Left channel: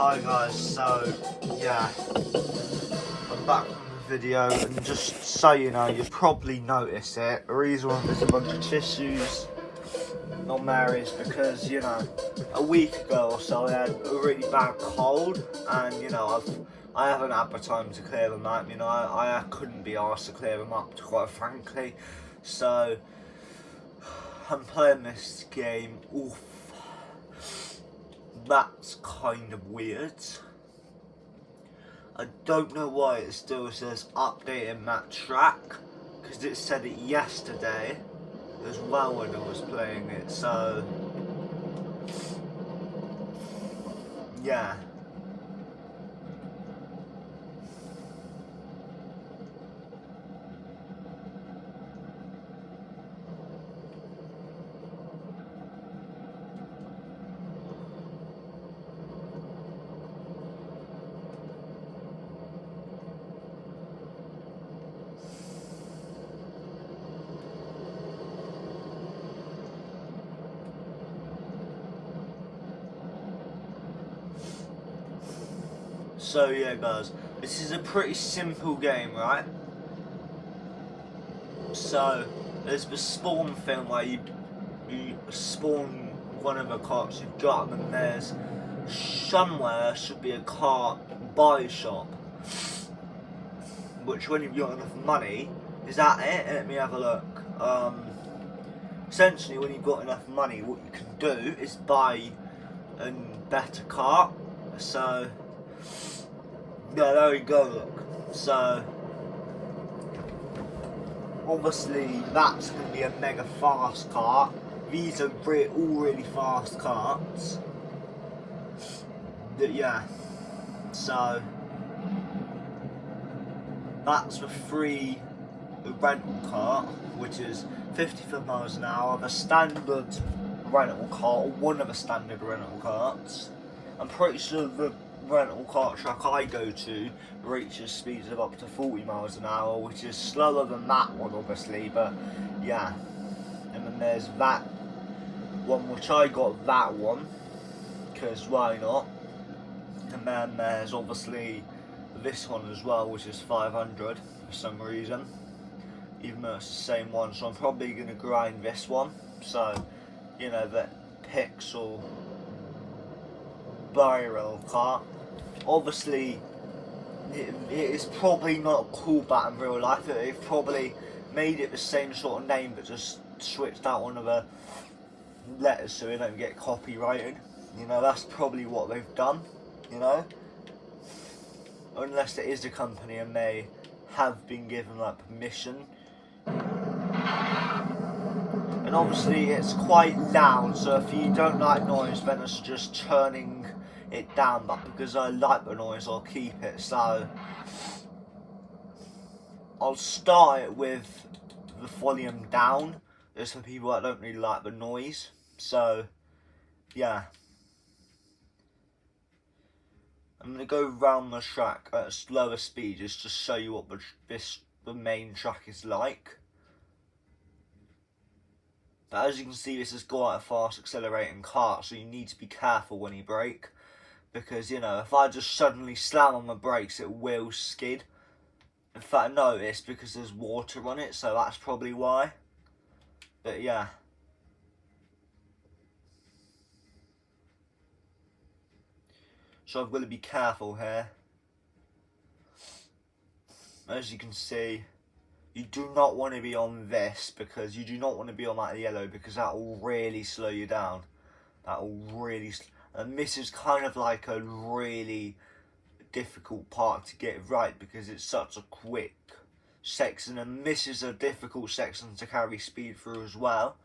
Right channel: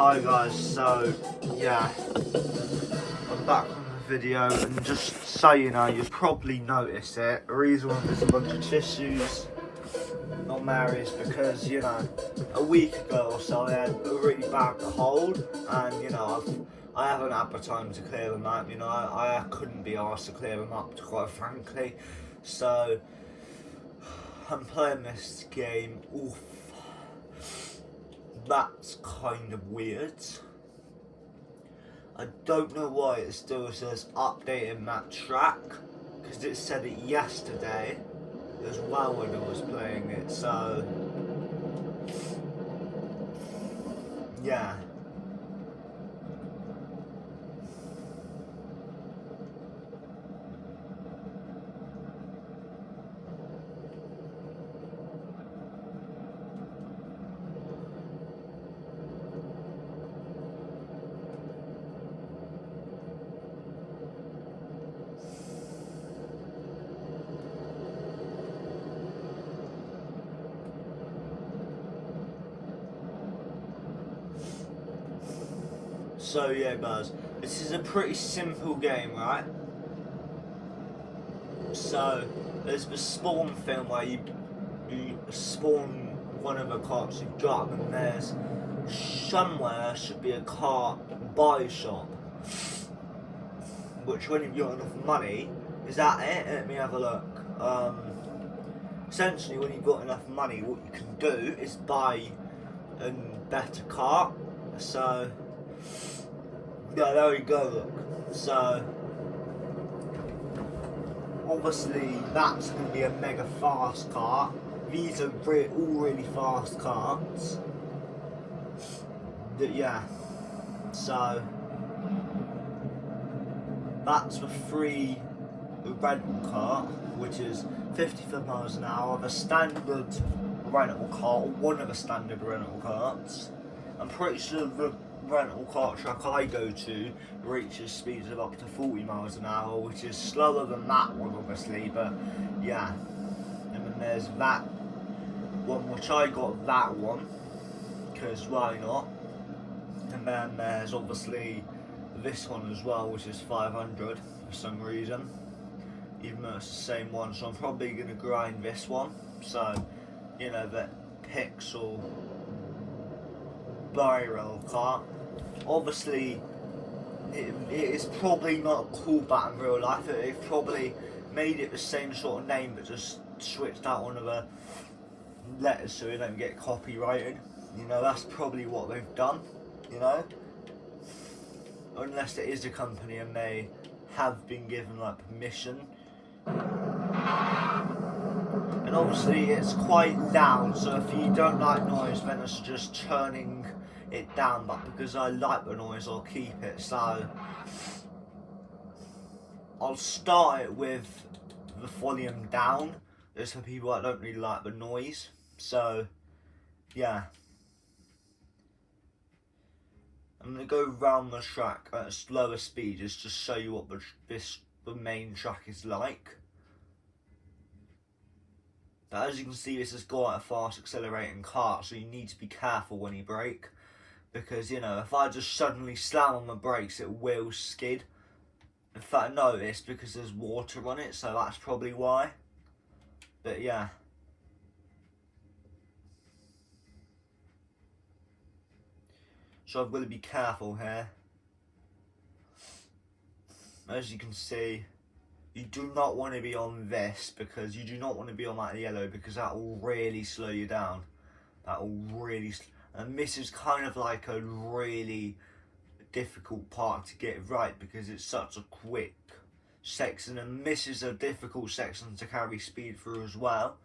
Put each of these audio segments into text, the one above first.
Hi guys, so yeah, I'm back on the video, and just so you know, you've probably noticed it. The reason there's a bunch of tissues on there is because, you know, a week ago or so I had a really bad cold, and you know, I haven't had the time to clear them up. You know, I couldn't be asked to clear them up, quite frankly. So I'm playing this game. Oof. That's kind of weird. I don't know why it still says updating that track, because it said it yesterday as well when I was playing it, so yeah. So yeah guys, this is a pretty simple game, right? So there's the spawn thing where you spawn one of the carts you've got, and there's somewhere should be a cart buy shop, which when you've got enough money, is that it? Let me have a look. Essentially when you've got enough money, what you can do is buy a better cart. So yeah, there we go, look. So obviously that's going to be a mega fast cart. These are all really fast carts. Yeah, so that's the free rental cart, which is 55 miles an hour. The standard rental cart, one of the standard rental carts. I'm pretty sure the rental cart track I go to reaches speeds of up to 40 miles an hour, which is slower than that one obviously, but yeah. And then there's that one, which I got that one because why not. And then there's obviously this one as well, which is 500 for some reason, even though it's the same one. So I'm probably going to grind this one, so you know, that pixel barrel cart. Obviously it is probably not cool but in real life. They've probably made it the same sort of name but just switched out one of the letters so they don't get copyrighted. You know, that's probably what they've done, you know, unless it is a company and they have been given like permission. And obviously it's quite loud, so if you don't like noise then it's just turning it down, but because I like the noise I'll keep it. So I'll start it with the volume down, just for people that don't really like the noise. So yeah, I'm going to go round the track at a slower speed just to show you what the main track is like. But as you can see, this has got a fast accelerating cart, so you need to be careful when you brake, because you know, if I just suddenly slam on the brakes it will skid. In fact no, it's because there's water on it, so that's probably why. But yeah, so I've got to be careful here. As you can see, you do not want to be on this, because you do not want to be on that yellow, because that will really slow you down. That will really and this is kind of like a really difficult part to get right, because it's such a quick section, and this is a difficult section to carry speed through as well.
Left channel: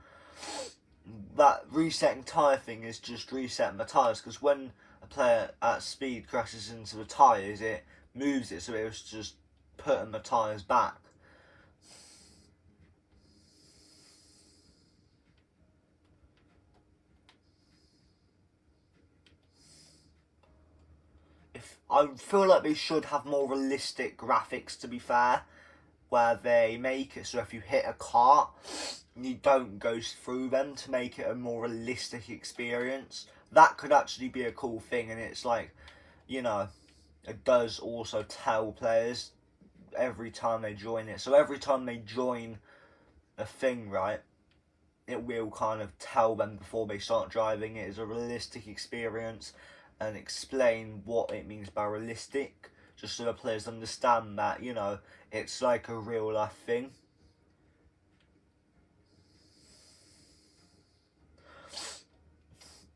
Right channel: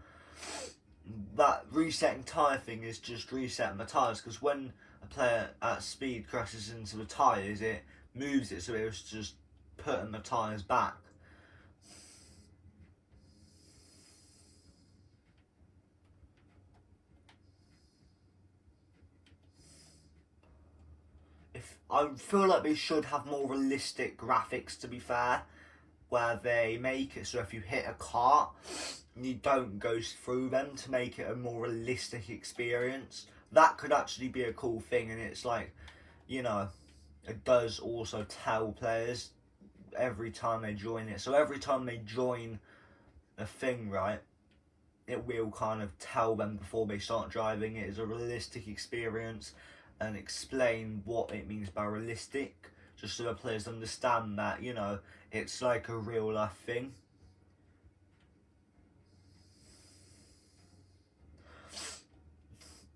That resetting tyre thing is just resetting the tyres, because when a player at speed crashes into the tyres it moves it, so it was just putting the tyres back. I feel like they should have more realistic graphics, to be fair, where they make it so if you hit a cart you don't go through them, to make it a more realistic experience. That could actually be a cool thing, and it's like you know, it does also tell players every time they join it. So every time they join a thing, right, it will kind of tell them before they start driving it is a realistic experience and explain what it means by realistic, just so the players understand that, you know, it's like a real life thing.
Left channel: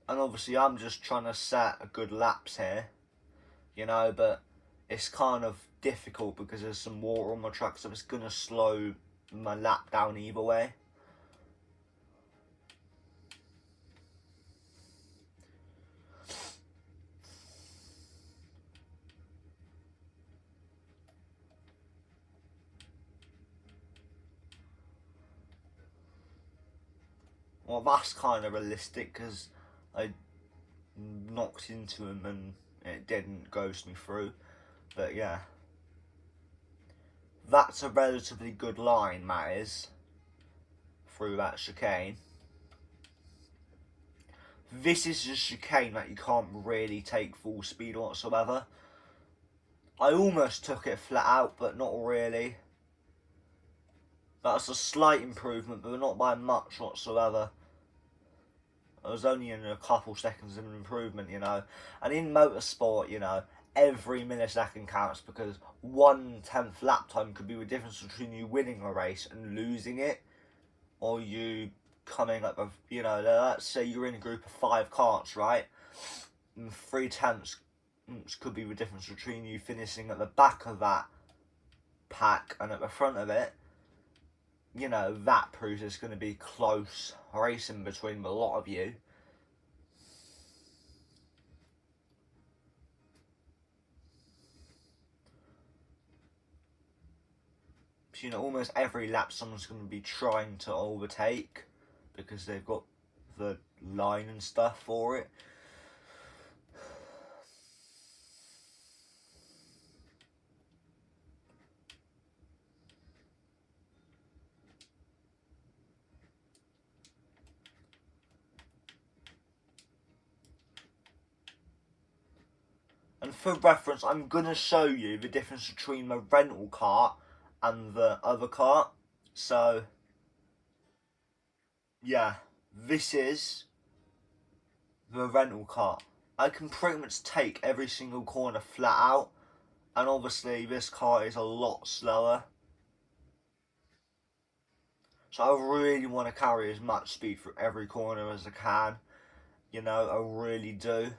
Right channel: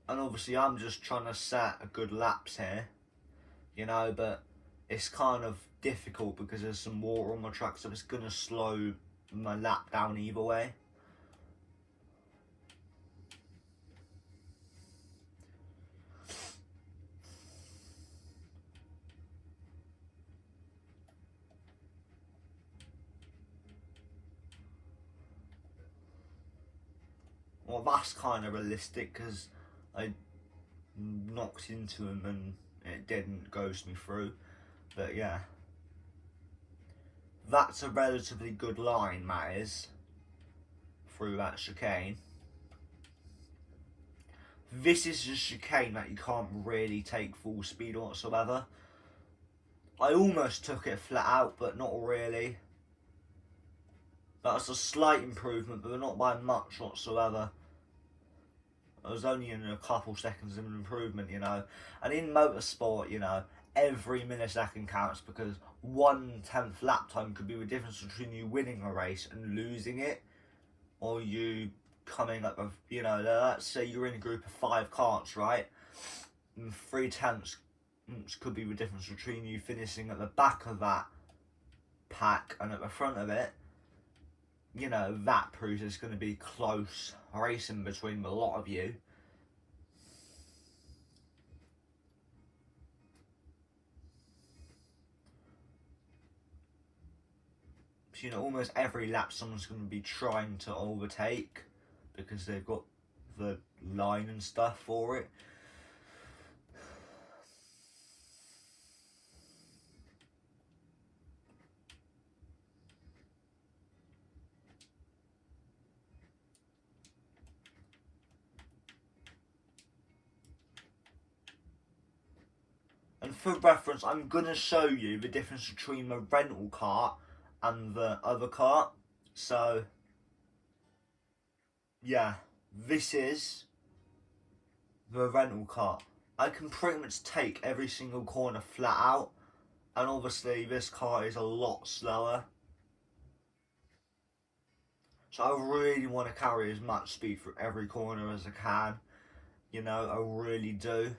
And obviously I'm just trying to set a good laps here, you know, but it's kind of difficult because there's some water on my track, so it's going to slow my lap down either way. Well, that's kind of realistic because I knocked into him and it didn't ghost me through. But yeah, that's a relatively good line, that is, through that chicane. This is a chicane that you can't really take full speed whatsoever. I almost took it flat out, but not really. That's a slight improvement, but not by much whatsoever. It was only in a couple seconds of an improvement, you know. And in motorsport, you know, every millisecond counts because 1/10 lap time could be the difference between you winning a race and losing it, or you coming up with, you know, let's say you're in a group of 5 karts, right? And 3/10 could be the difference between you finishing at the back of that pack and at the front of it. You know, that proves it's going to be close racing between a lot of you. So, you know, almost every lap someone's going to be trying to overtake because they've got the line and stuff for it. And for reference, I'm going to show you the difference between the rental cart and the other cart. So, yeah, this is the rental cart. I can pretty much take every single corner flat out, and obviously this car is a lot slower. So I really want to carry as much speed through every corner as I can. You know, I really do.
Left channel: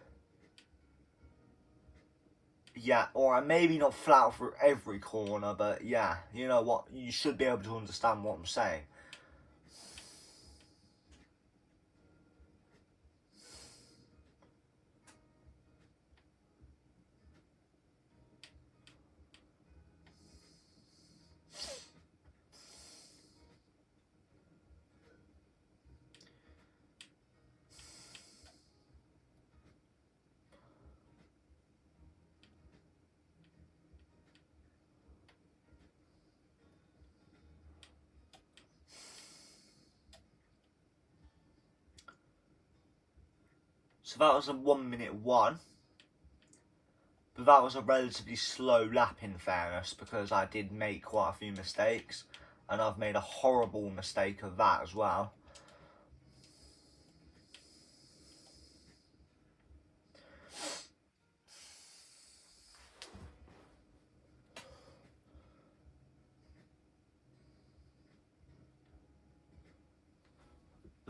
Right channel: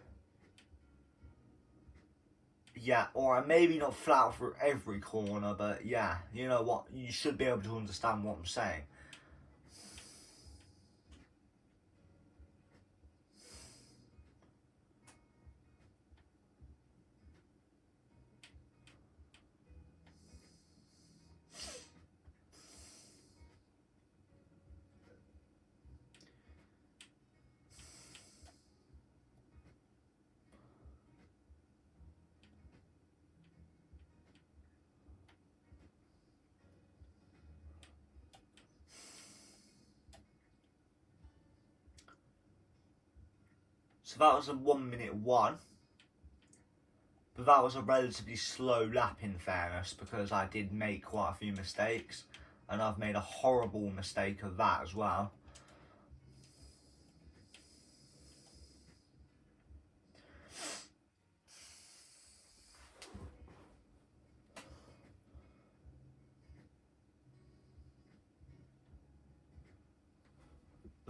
Yeah, or maybe not flat through every corner, but yeah, you know what? You should be able to understand what I'm saying. So that was a 1:01, but that was a relatively slow lap in fairness because I did make quite a few mistakes, and I've made a horrible mistake of that as well.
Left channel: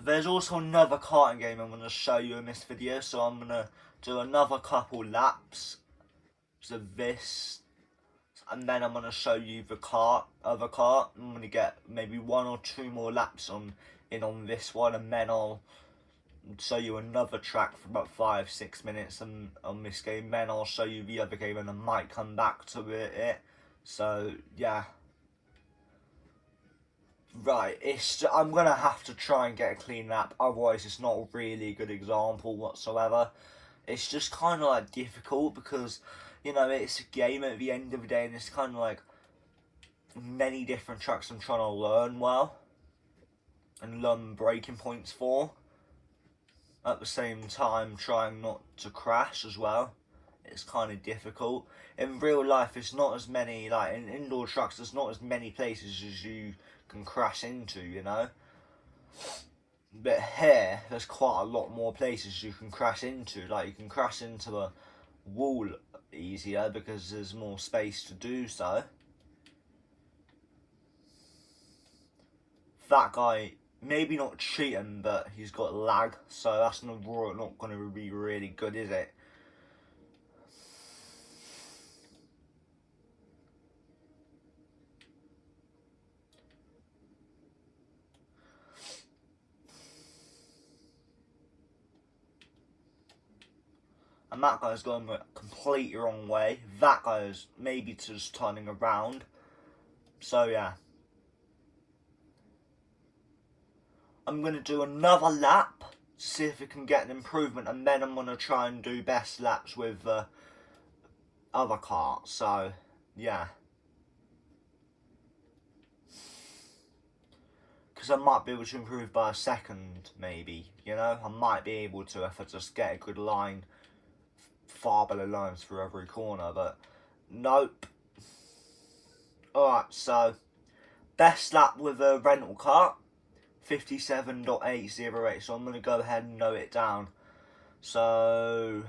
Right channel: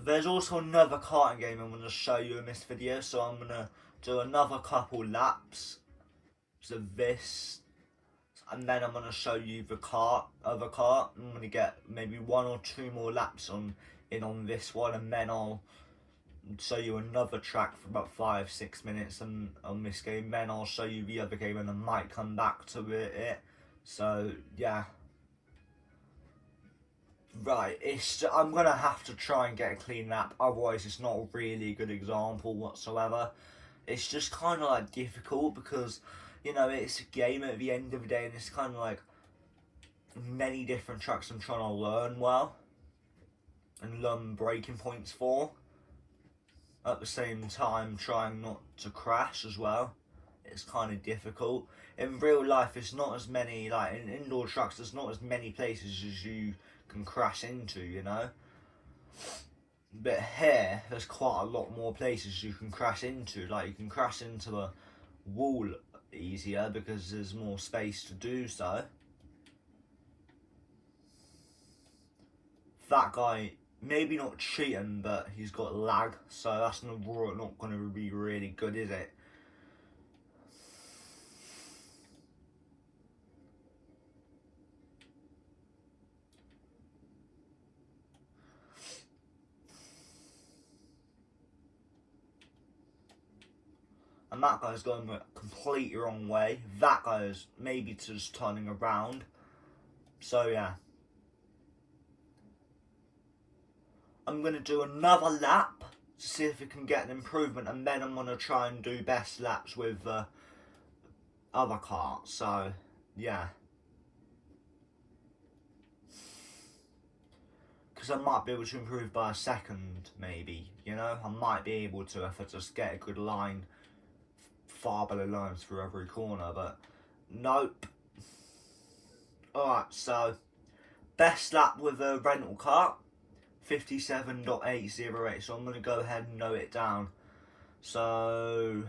There's also another karting game I'm going to show you in this video, so I'm going to do another couple laps of this, and then I'm going to show you the other kart. I'm going to get maybe 1 or 2 more laps on this one, and then I'll show you another track for about 5-6 minutes on this game. Then I'll show you the other game, and I might come back to it. So yeah. Right, I'm going to have to try and get a clean lap, otherwise it's not a really good example whatsoever. It's just kind of like difficult because, you know, it's a game at the end of the day, and it's kind of like many different tracks I'm trying to learn well and learn braking points for. At the same time, trying not to crash as well. it's kind of difficult. In real life, it's not as many, like in indoor tracks, there's not as many places as you can crash into, you know. But here, there's quite a lot more places you can crash into. Like, you can crash into a wall easier because there's more space to do so. That guy, maybe not cheating, but he's got lag, so that's not going to be really good, is it? And that guy's going the completely wrong way. That guy is maybe just turning around. So yeah. I'm going to do another lap to see if we can get an improvement. And then I'm going to try and do best laps with the other cart. So yeah. Because I might be able to improve by a second, maybe. You know, I might be able to if I just get a good line. Far better lines for every corner, but nope. Alright, so best lap with a rental cart, 57.808. So I'm going to go ahead and note it down. So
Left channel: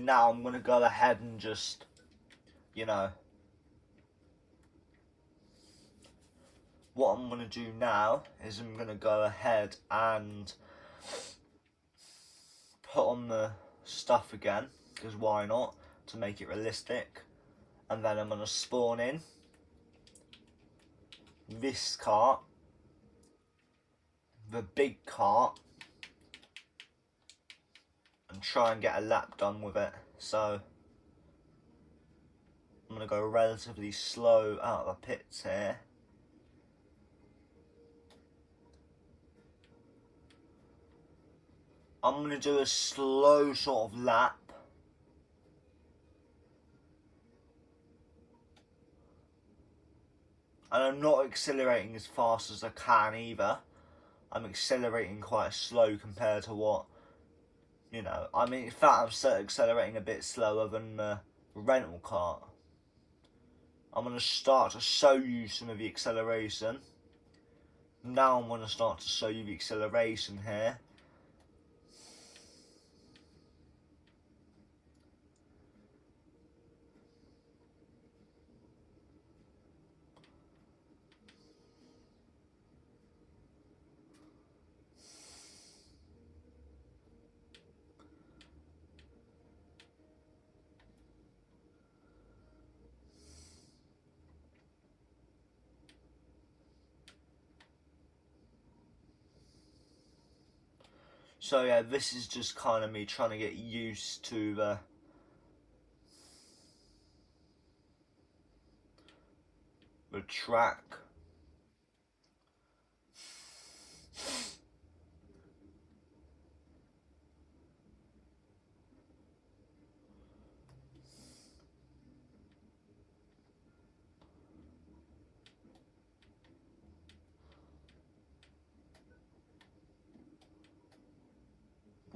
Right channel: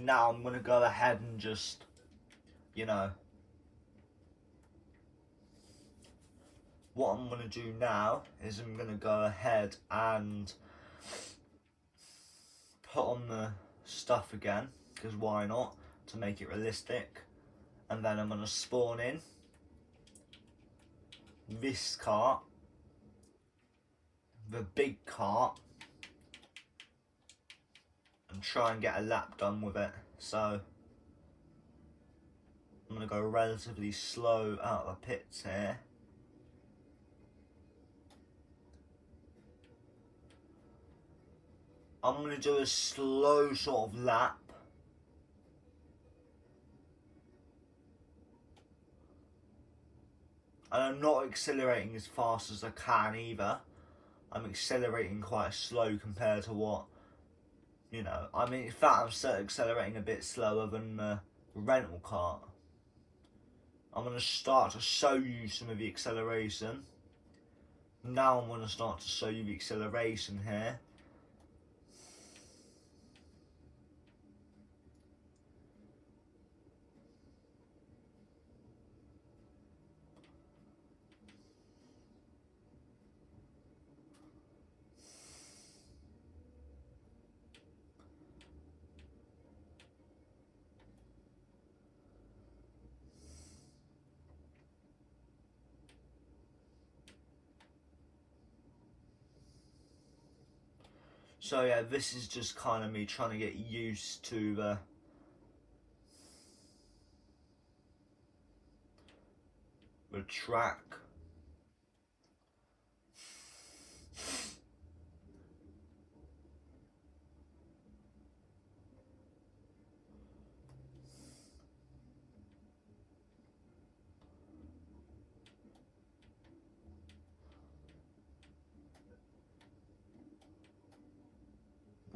now I'm going to go ahead and just, you know, what I'm going to do now is I'm going to go ahead and put on the stuff again, because why not, to make it realistic. And then I'm going to spawn in this cart, the big cart, and try and get a lap done with it. So I'm going to go relatively slow out of the pits here. I'm going to do a slow sort of lap. And I'm not accelerating as fast as I can either. I'm accelerating quite slow compared to what, you know, I mean, in fact, I'm accelerating a bit slower than the rental cart. I'm going to start to show you some of the acceleration. Now I'm going to start to show you the acceleration here. So yeah, this is just kind of me trying to get used to the track.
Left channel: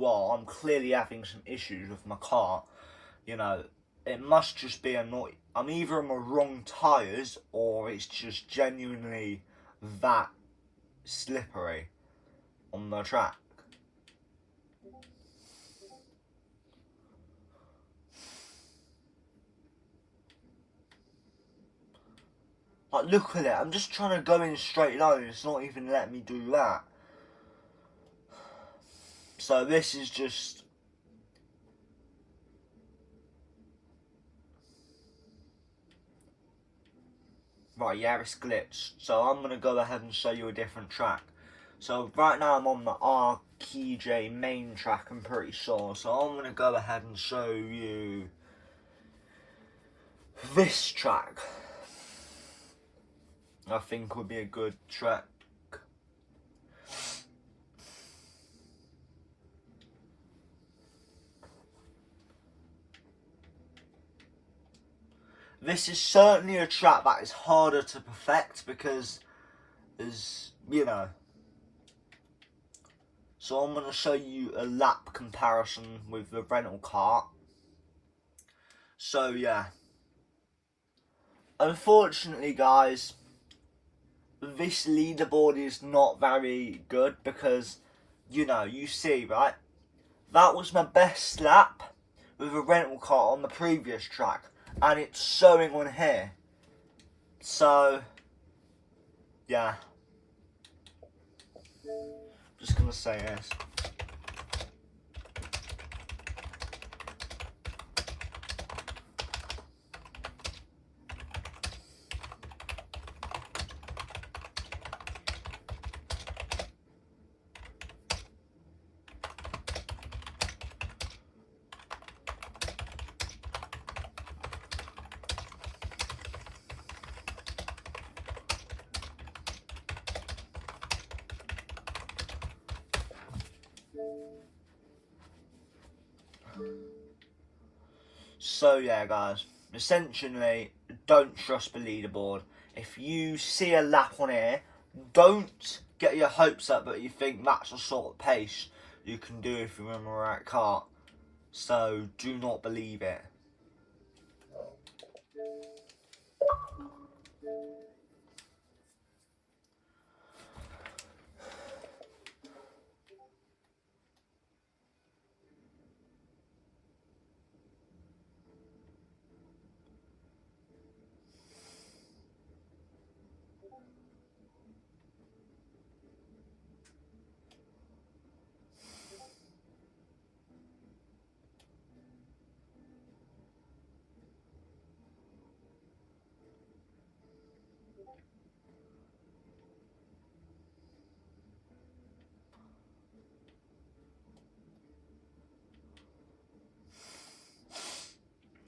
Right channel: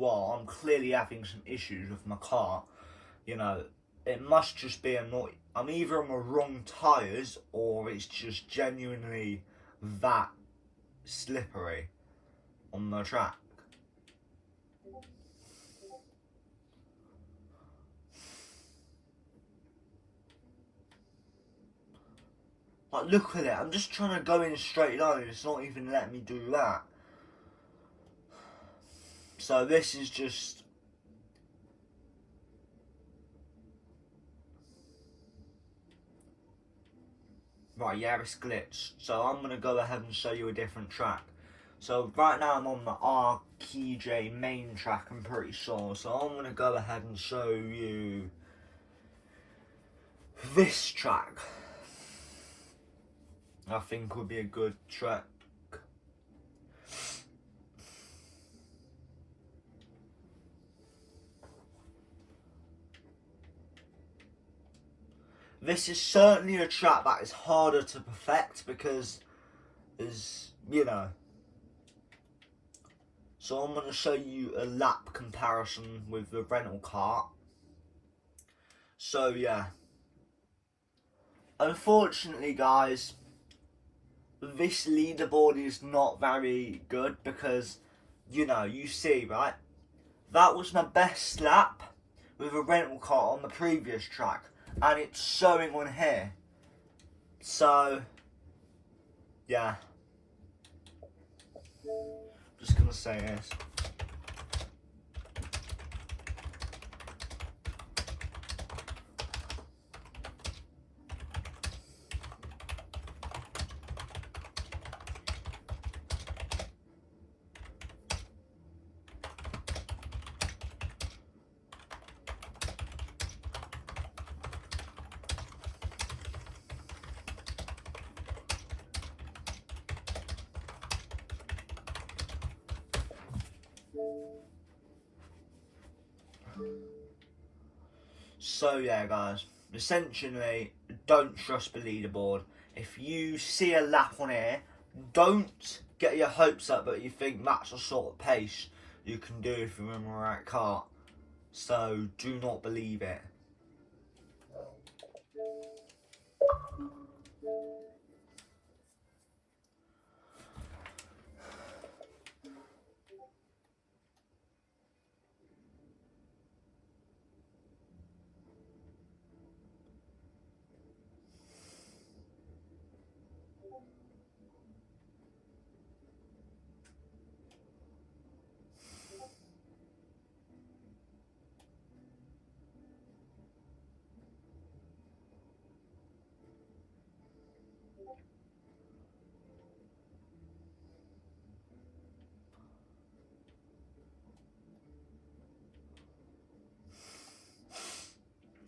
Well, I'm clearly having some issues with my car. You know, it must just be I'm either on the wrong tyres or it's just genuinely that slippery on the track. Like, look at it, I'm just trying to go in a straight line, it's not even letting me do that. So this is just... Right, yeah, it's glitched. So I'm going to go ahead and show you a different track. So right now I'm on the RKJ main track, I'm pretty sure. So I'm going to go ahead and show you this track, I think, would be a good track. This is certainly a track that is harder to perfect because there's, you know. So I'm going to show you a lap comparison with the rental cart. So yeah. Unfortunately, guys, this leaderboard is not very good because, you know, you see, right? That was my best lap with a rental cart on the previous track, and it's showing on here. So, yeah. Just gonna say this. So yeah, guys, essentially, don't trust the leaderboard. If you see a lap on here, don't get your hopes up that you think that's the sort of pace you can do if you're in the right cart. So do not believe it.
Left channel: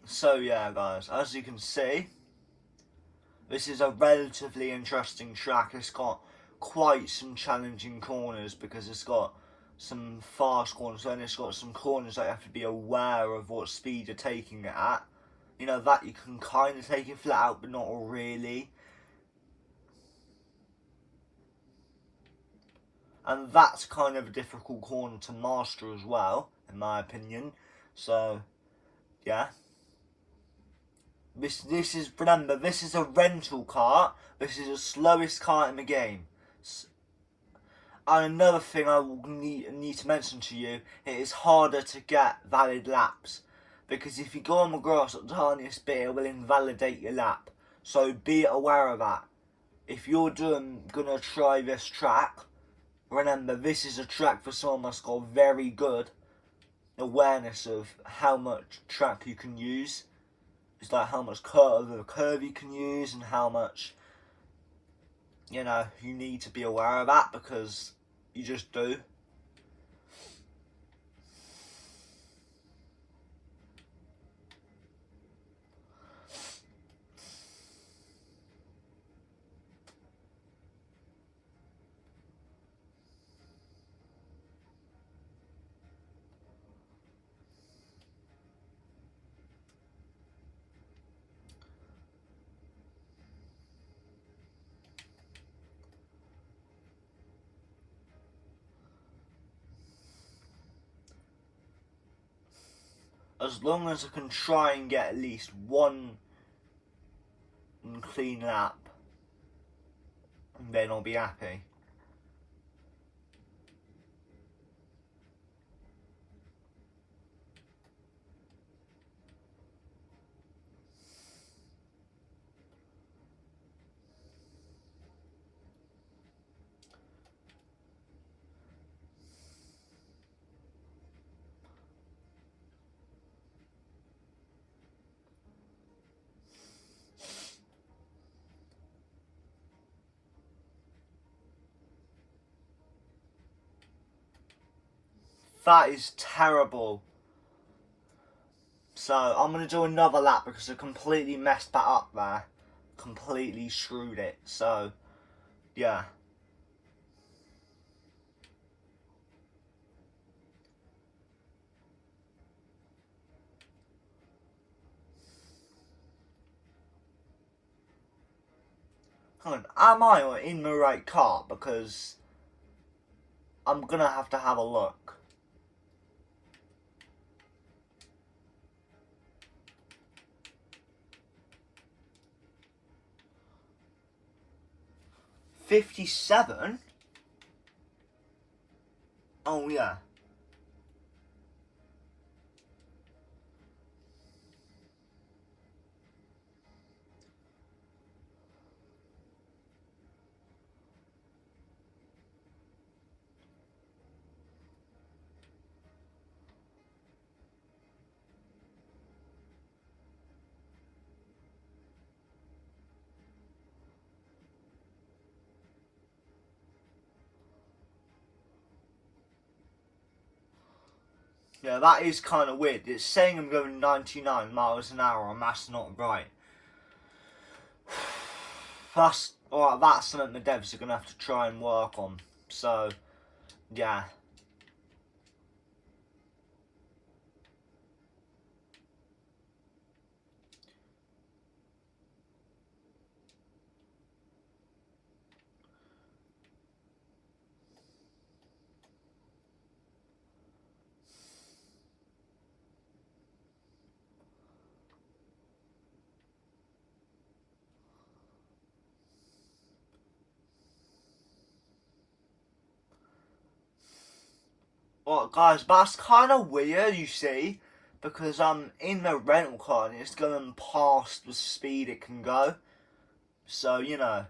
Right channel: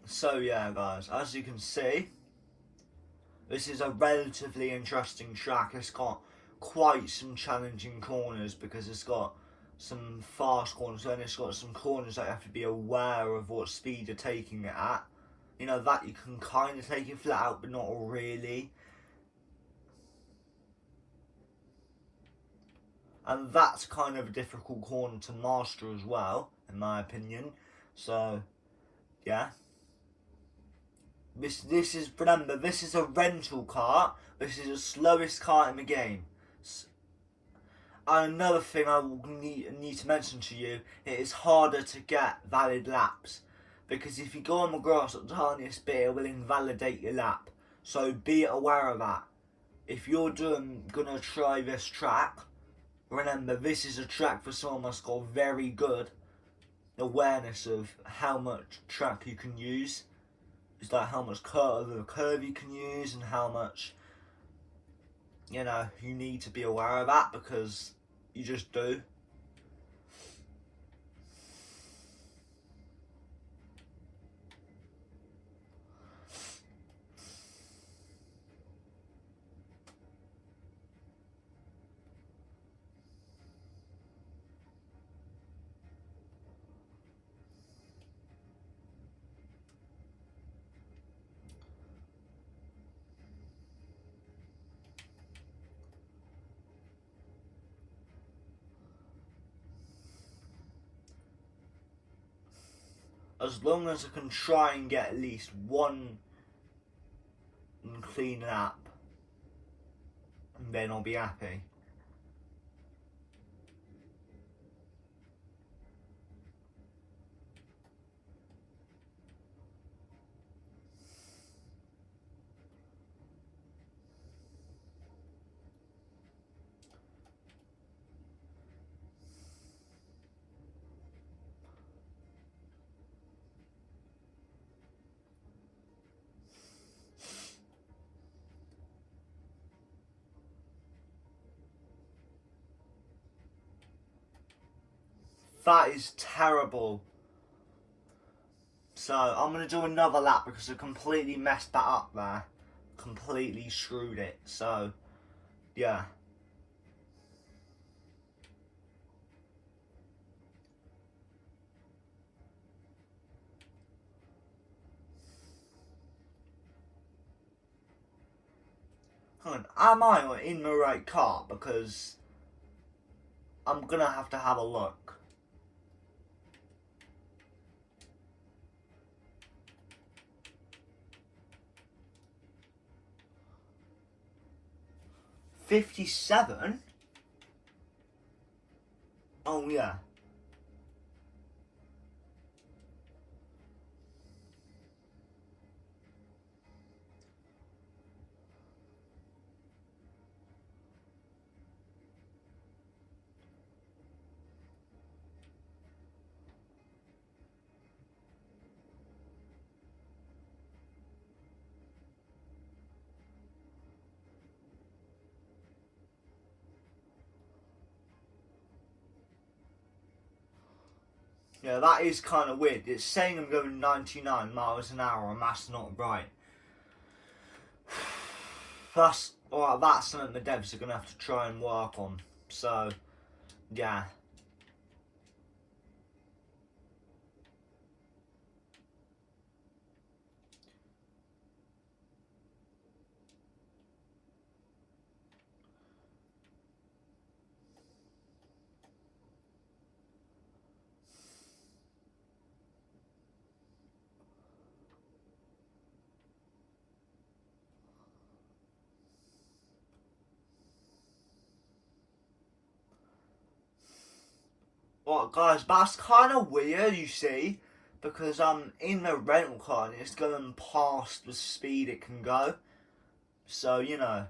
So yeah, guys, as you can see, this is a relatively interesting track. It's got quite some challenging corners because it's got some fast corners and it's got some corners that you have to be aware of what speed you're taking it at. You know, that you can kind of take it flat out, but not really. And that's kind of a difficult corner to master as well, in my opinion. So, yeah. This is, remember, this is a rental cart. This is the slowest cart in the game. And another thing I will need to mention to you, it is harder to get valid laps. Because if you go on the grass at the tiniest bit, it will invalidate your lap. So be aware of that. If you're gonna try this track, remember this is a track for someone that's got very good awareness of how much track you can use. It's like how much curve you can use and how much, you know, you need to be aware of that because you just do. As long as I can try and get at least one clean lap, then I'll be happy. That is terrible. So I'm going to do another lap because I completely messed that up there. Completely screwed it. So, yeah. Hang on, am I in the right car? Because I'm going to have a look. $57? Oh, yeah. Yeah, that is kind of weird. It's saying I'm going 99 miles an hour and that's not right. That's something the devs are going to have to try and work on. So, yeah. Well, guys, that's kind of weird, you see, because in the rental car and it's going past the speed it can go. So, you know,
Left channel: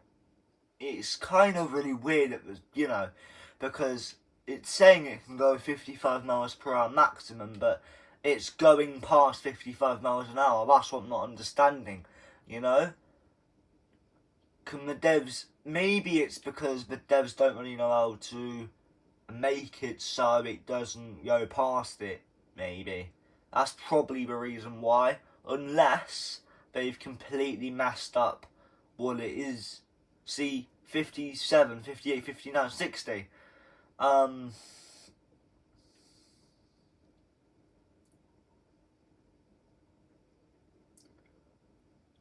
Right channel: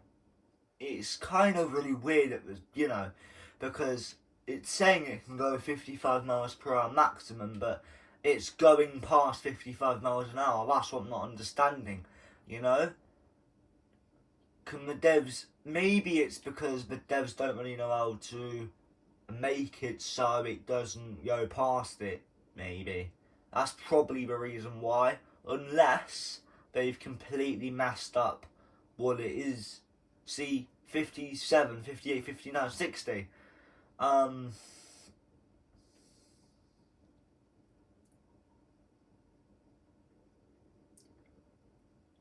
it's kind of really weird. It was, you know, because it's saying it can go 55 miles per hour maximum, but it's going past 55 miles an hour. That's what I'm not understanding, you know. Can the devs? Maybe it's because the devs don't really know how to make it so it doesn't go past it, maybe. That's probably the reason why. Unless they've completely messed up what it is. See, 57, 58, 59, 60.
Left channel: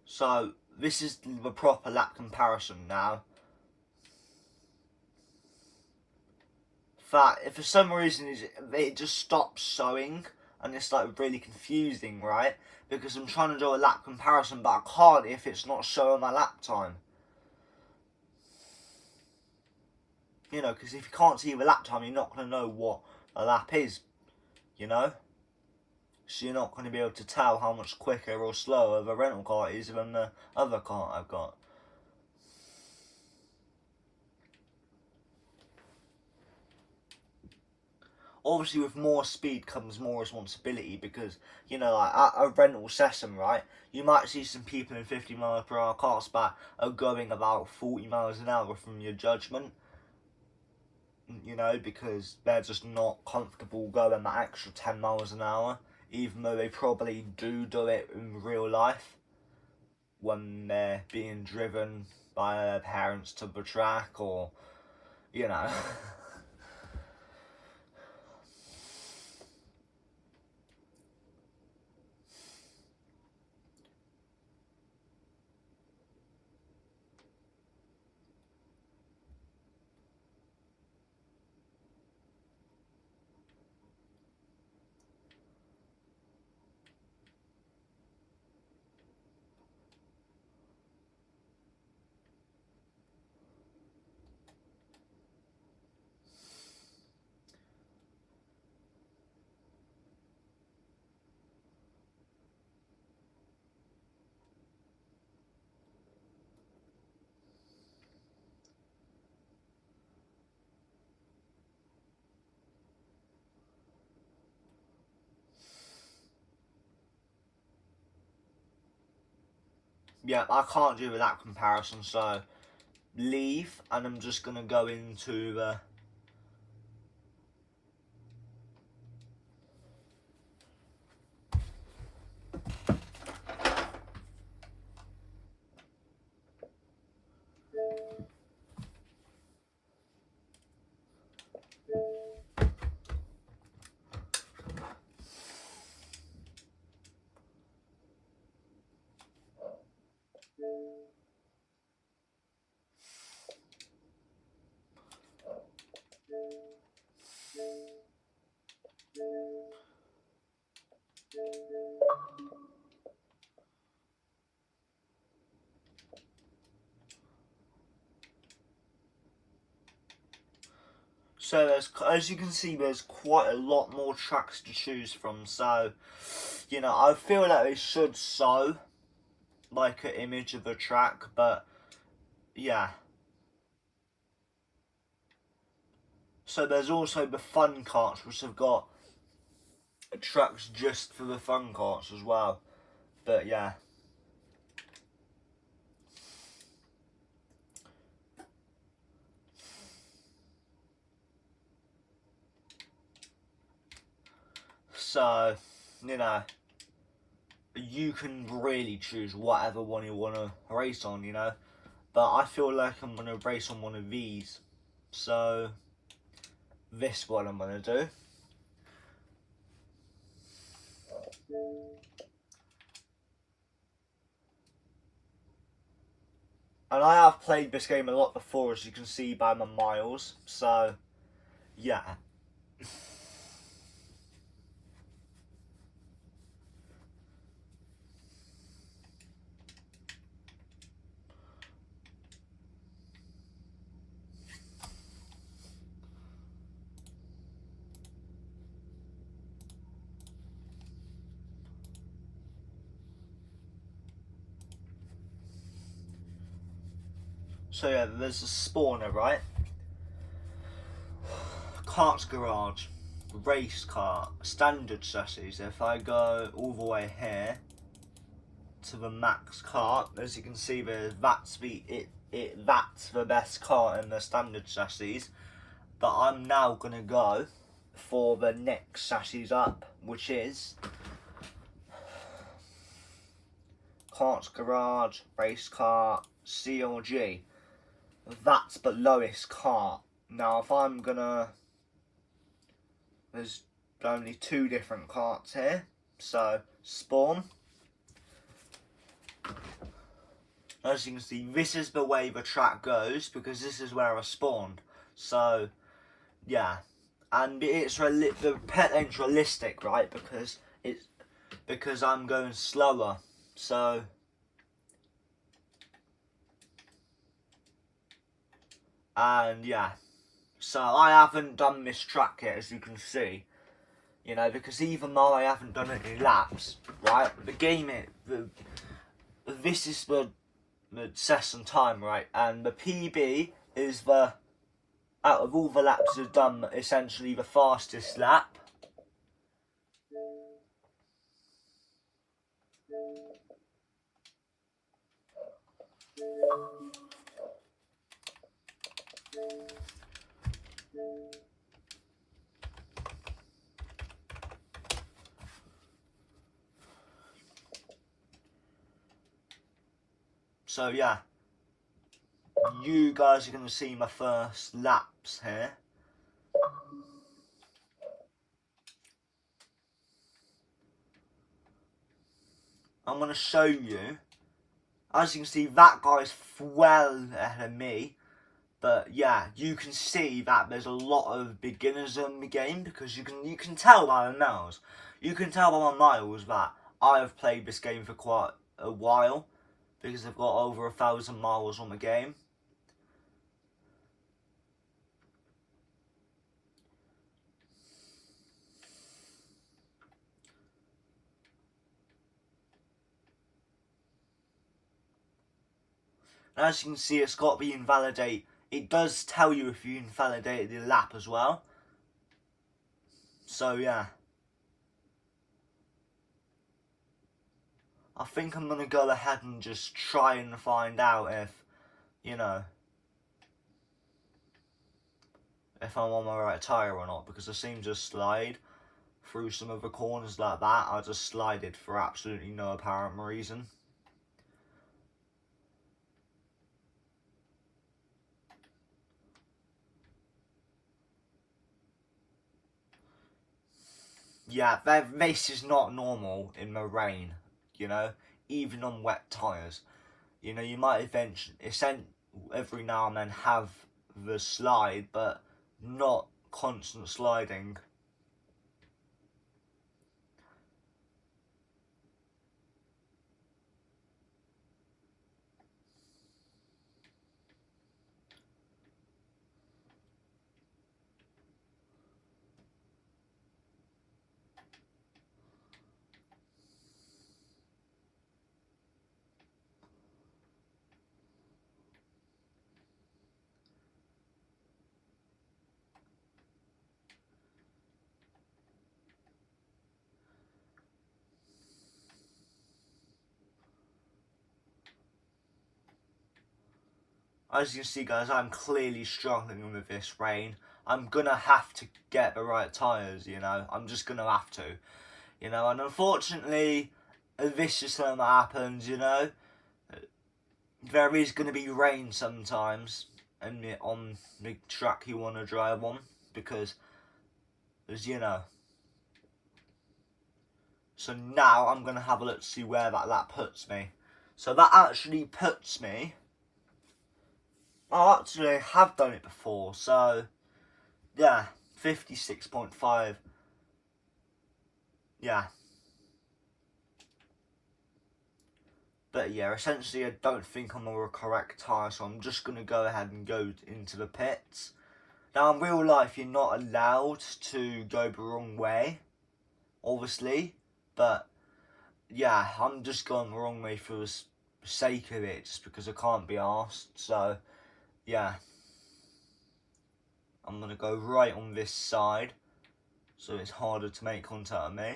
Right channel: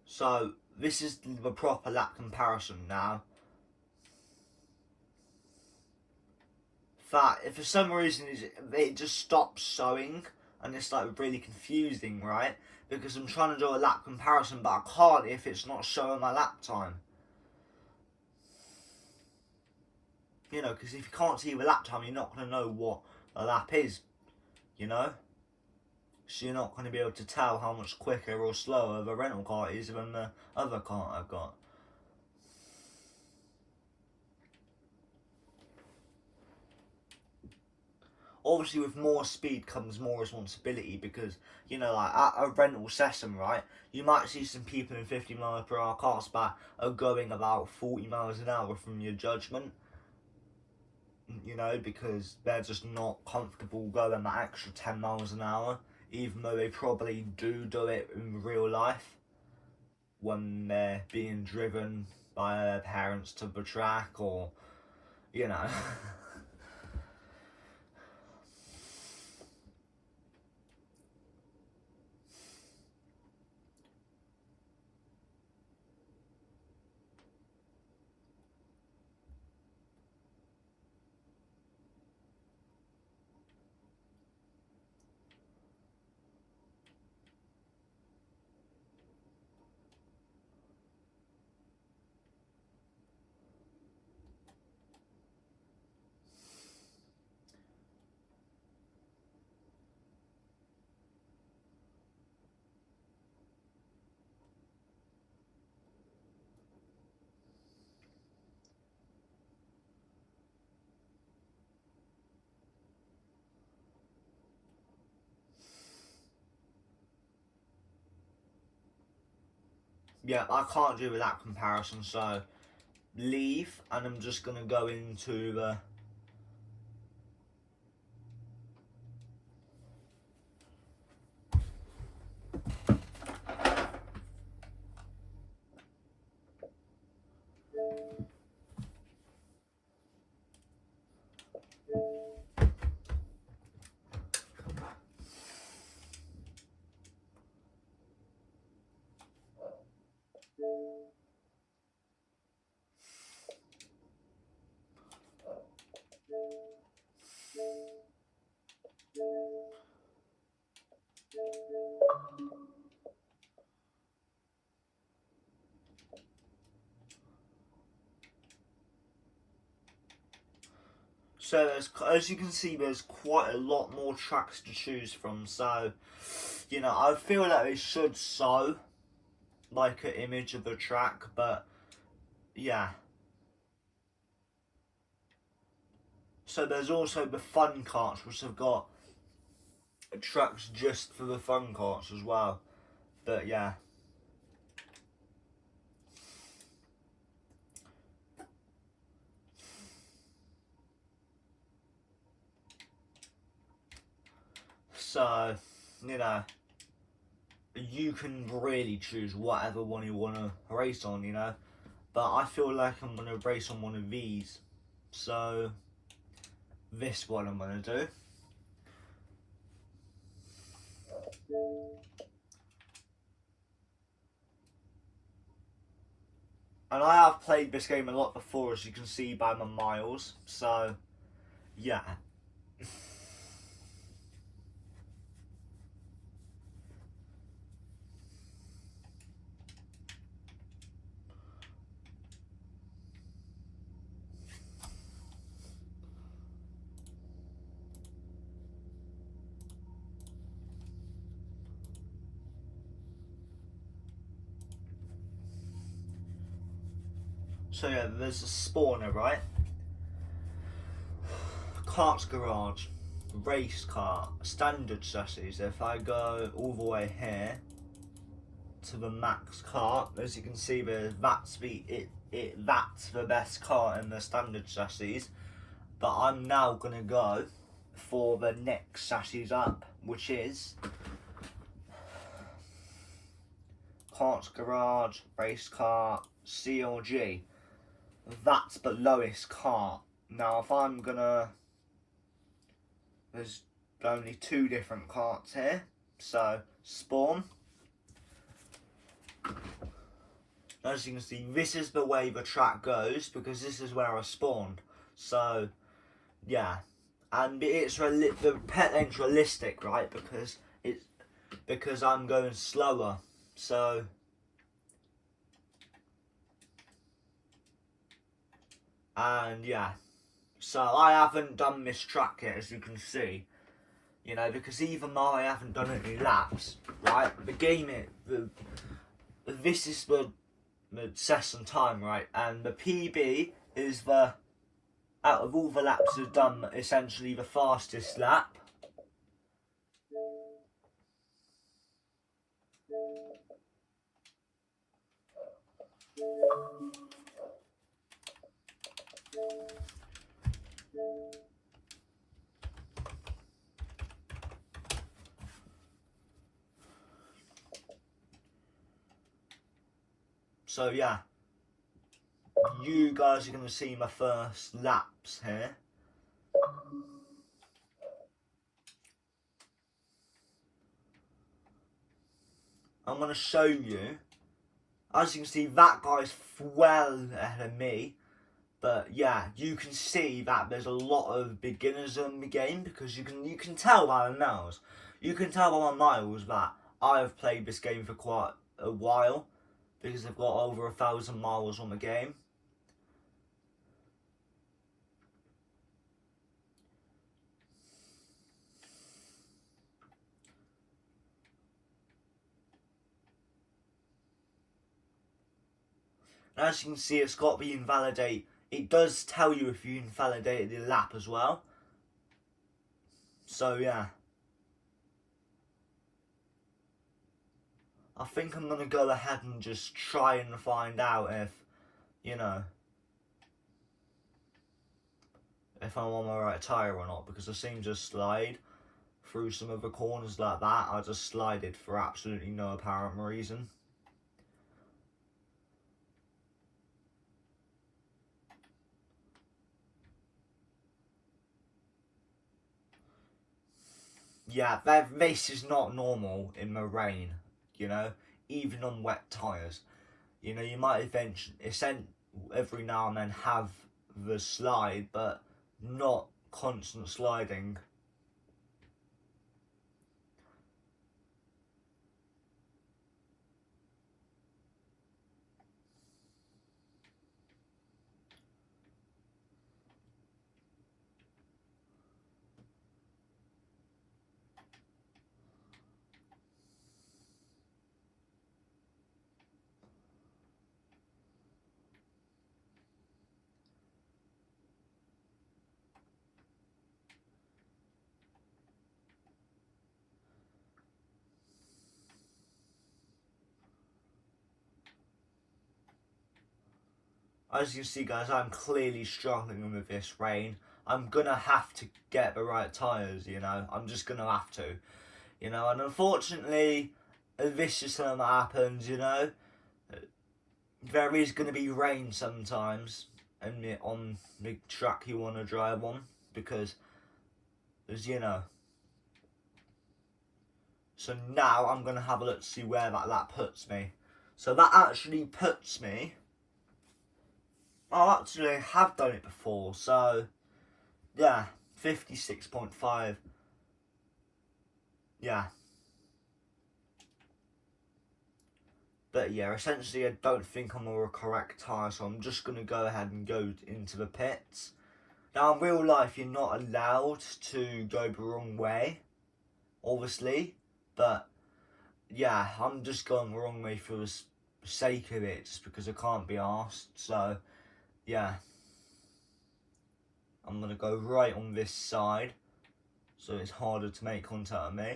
So, this is the proper lap comparison now. That if for some reason it just stops showing and it's like really confusing, right? Because I'm trying to do a lap comparison, but I can't if it's not showing my lap time. You know, because if you can't see the lap time, you're not going to know what a lap is, you know? So you're not going to be able to tell how much quicker or slower the rental car is than the other car I've got. Obviously, with more speed comes more responsibility because, you know, like at a rental session, right, you might see some people in 50 mile per hour cars but are going about 40 miles an hour from your judgment, you know, because they're just not comfortable going that extra 10 miles an hour, even though they probably do it in real life when they're being driven by their parents to the track or, you know. Yeah, I can't do that comparison, so leave, and I'm just going to go into the So as you can see, there's quite a lot more tracks to choose from. So, you know, I feel like they should show like an image of the track, but yeah. So there's also the fun carts, which have got tracks just for the fun carts as well. But yeah. So, you know, you can really choose whatever one you want to race on, you know. But I feel like I'm going to race on one of these. So, this one I'm going to do. And I have played this game a lot before, as you can see by my miles. So, yeah. So yeah, there's a spawner, right? Kart's garage, race car, standard chassis. If I go all the way here to the max kart, as you can see, that's the best car in the standard chassis. But I'm now gonna go for the next chassis up, which is Kart's garage, race car, CLG. That's the lowest kart. Now, if I'm gonna, there's only two different karts here. So, spawn. As you can see, this is the way the track goes, because this is where I spawned. So, yeah. And the pet lane's realistic, right? Because I'm going slower. So, and yeah. So I haven't done this track yet, as you can see. You know, because even though I haven't done any laps, right? This is the session time, right? And the PB is out of all the laps I've done, essentially the fastest lap. So yeah, you guys are going to see my first laps here. I'm going to show you. As you can see, that guy's well ahead of me. But yeah, you can see that there's a lot of beginners in the game, because you can tell by the miles. You can tell by my miles that I have played this game for quite a while, because I've got over 1,000 miles on the game. And as you can see, it's got the invalidate. It does tell you if you invalidated the lap as well. So yeah. I think I'm going to go ahead and just try and find out if, you know, if I'm on my right tyre or not, because I seem to slide through some of the corners like that. I just slided for absolutely no apparent reason. Yeah, this is not normal in the rain, you know, even on wet tyres. You know, you might every now and then have the slide, but not constant sliding. As you can see, guys, I'm clearly struggling with this rain. I'm gonna have to get the right tyres, you know. I'm just gonna have to, you know. And unfortunately, this is something that happens, you know. There is gonna be rain sometimes, and on the track you want to drive on, because, as you know. So now I'm gonna have a look to see where that puts me. So that actually puts me. I actually have done it before, so yeah, 56.5. Yeah. But yeah, essentially I don't think I'm on the correct tyre, so I'm just going to go ahead and go into the pits. Now in real life you're not allowed to go the wrong way, obviously, but yeah, I'm just going the wrong way for the sake of it, just because I can't be arsed, so yeah. I'm going to go right on this side, so it's harder to make contact with me.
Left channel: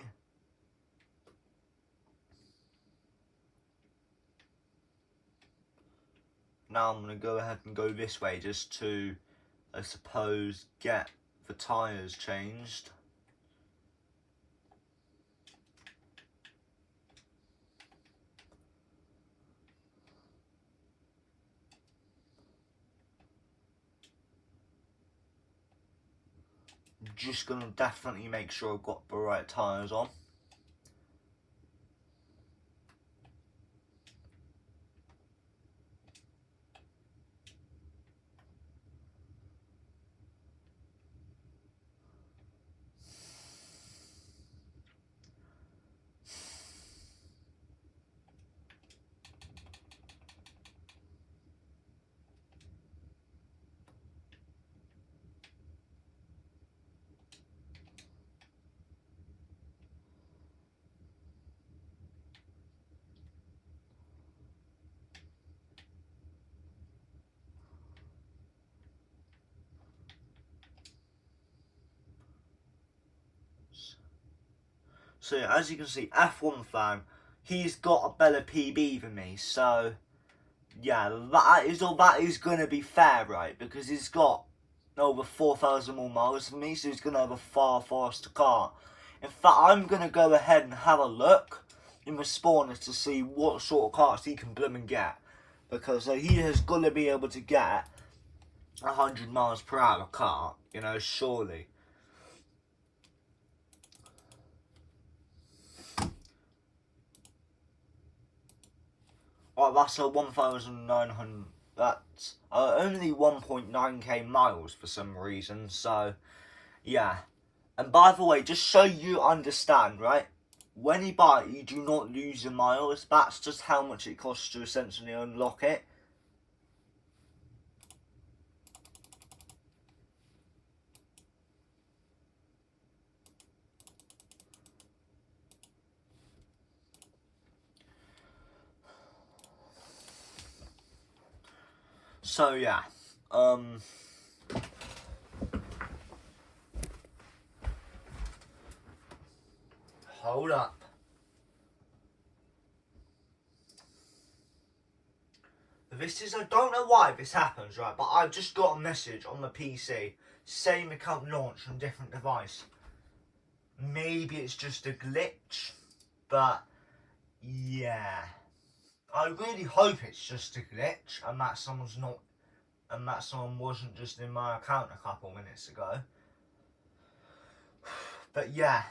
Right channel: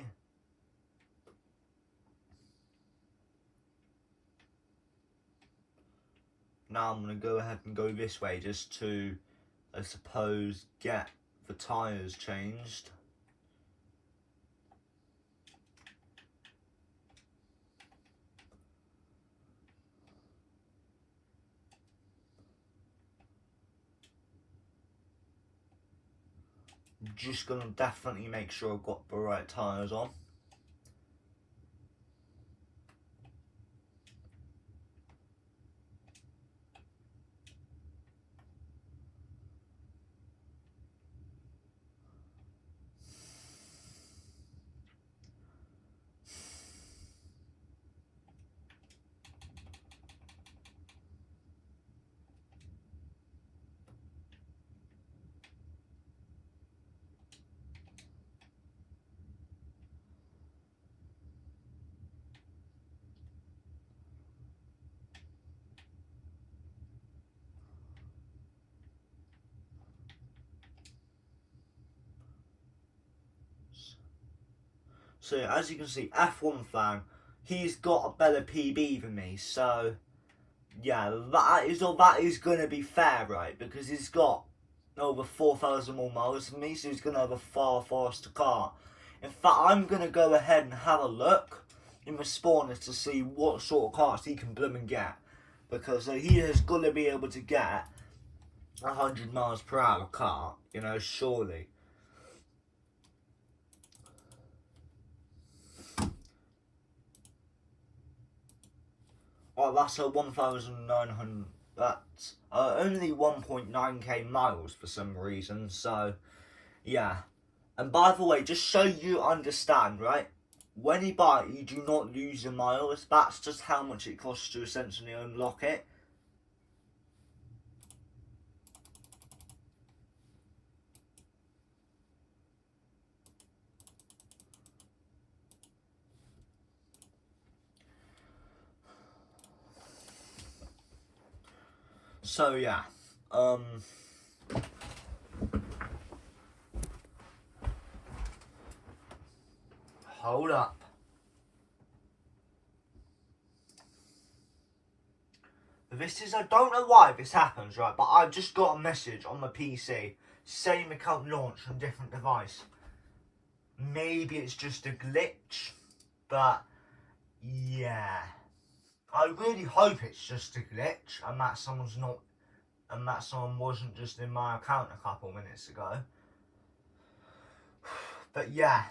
Now I'm going to go ahead and go this way just to, I suppose, get the tyres changed. I'm just going to definitely make sure I've got the right tyres on. So as you can see, F1 fan, he's got a better PB than me, so yeah, that is going to be fair, right? Because he's got over 4,000 more miles than me, so he's going to have a far faster car. In fact, I'm going to go ahead and have a look in the spawners to see what sort of cars he can bloom and get. Because he has got to be able to get 100 miles per hour car, you know, surely. Oh, that's a 1,900. That's only 1.9k miles for some reason. So, yeah. And by the way, just so you understand, right? When you buy it, you do not lose your miles. That's just how much it costs to essentially unlock it. So yeah, hold up. This is, I don't know why this happens, right, but I've just got a message on my PC saying the account launched on a different device. Maybe it's just a glitch, but yeah. I really hope it's just a glitch and that someone wasn't just in my account a couple minutes ago. But yeah.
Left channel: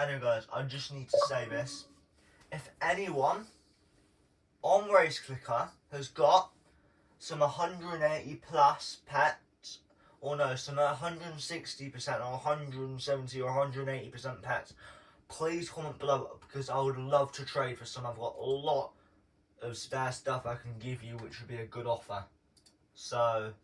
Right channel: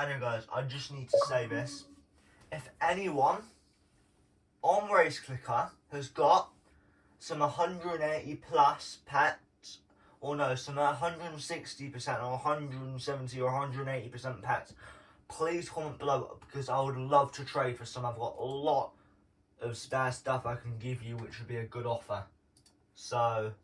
Anyway guys, I just need to say this. If anyone on Race Clicker has got some 180 plus pets, or no, some 160% or 170 or 180% pets, please comment below, because I would love to trade for some. I've got a lot of spare stuff I can give you, which would be a good offer. So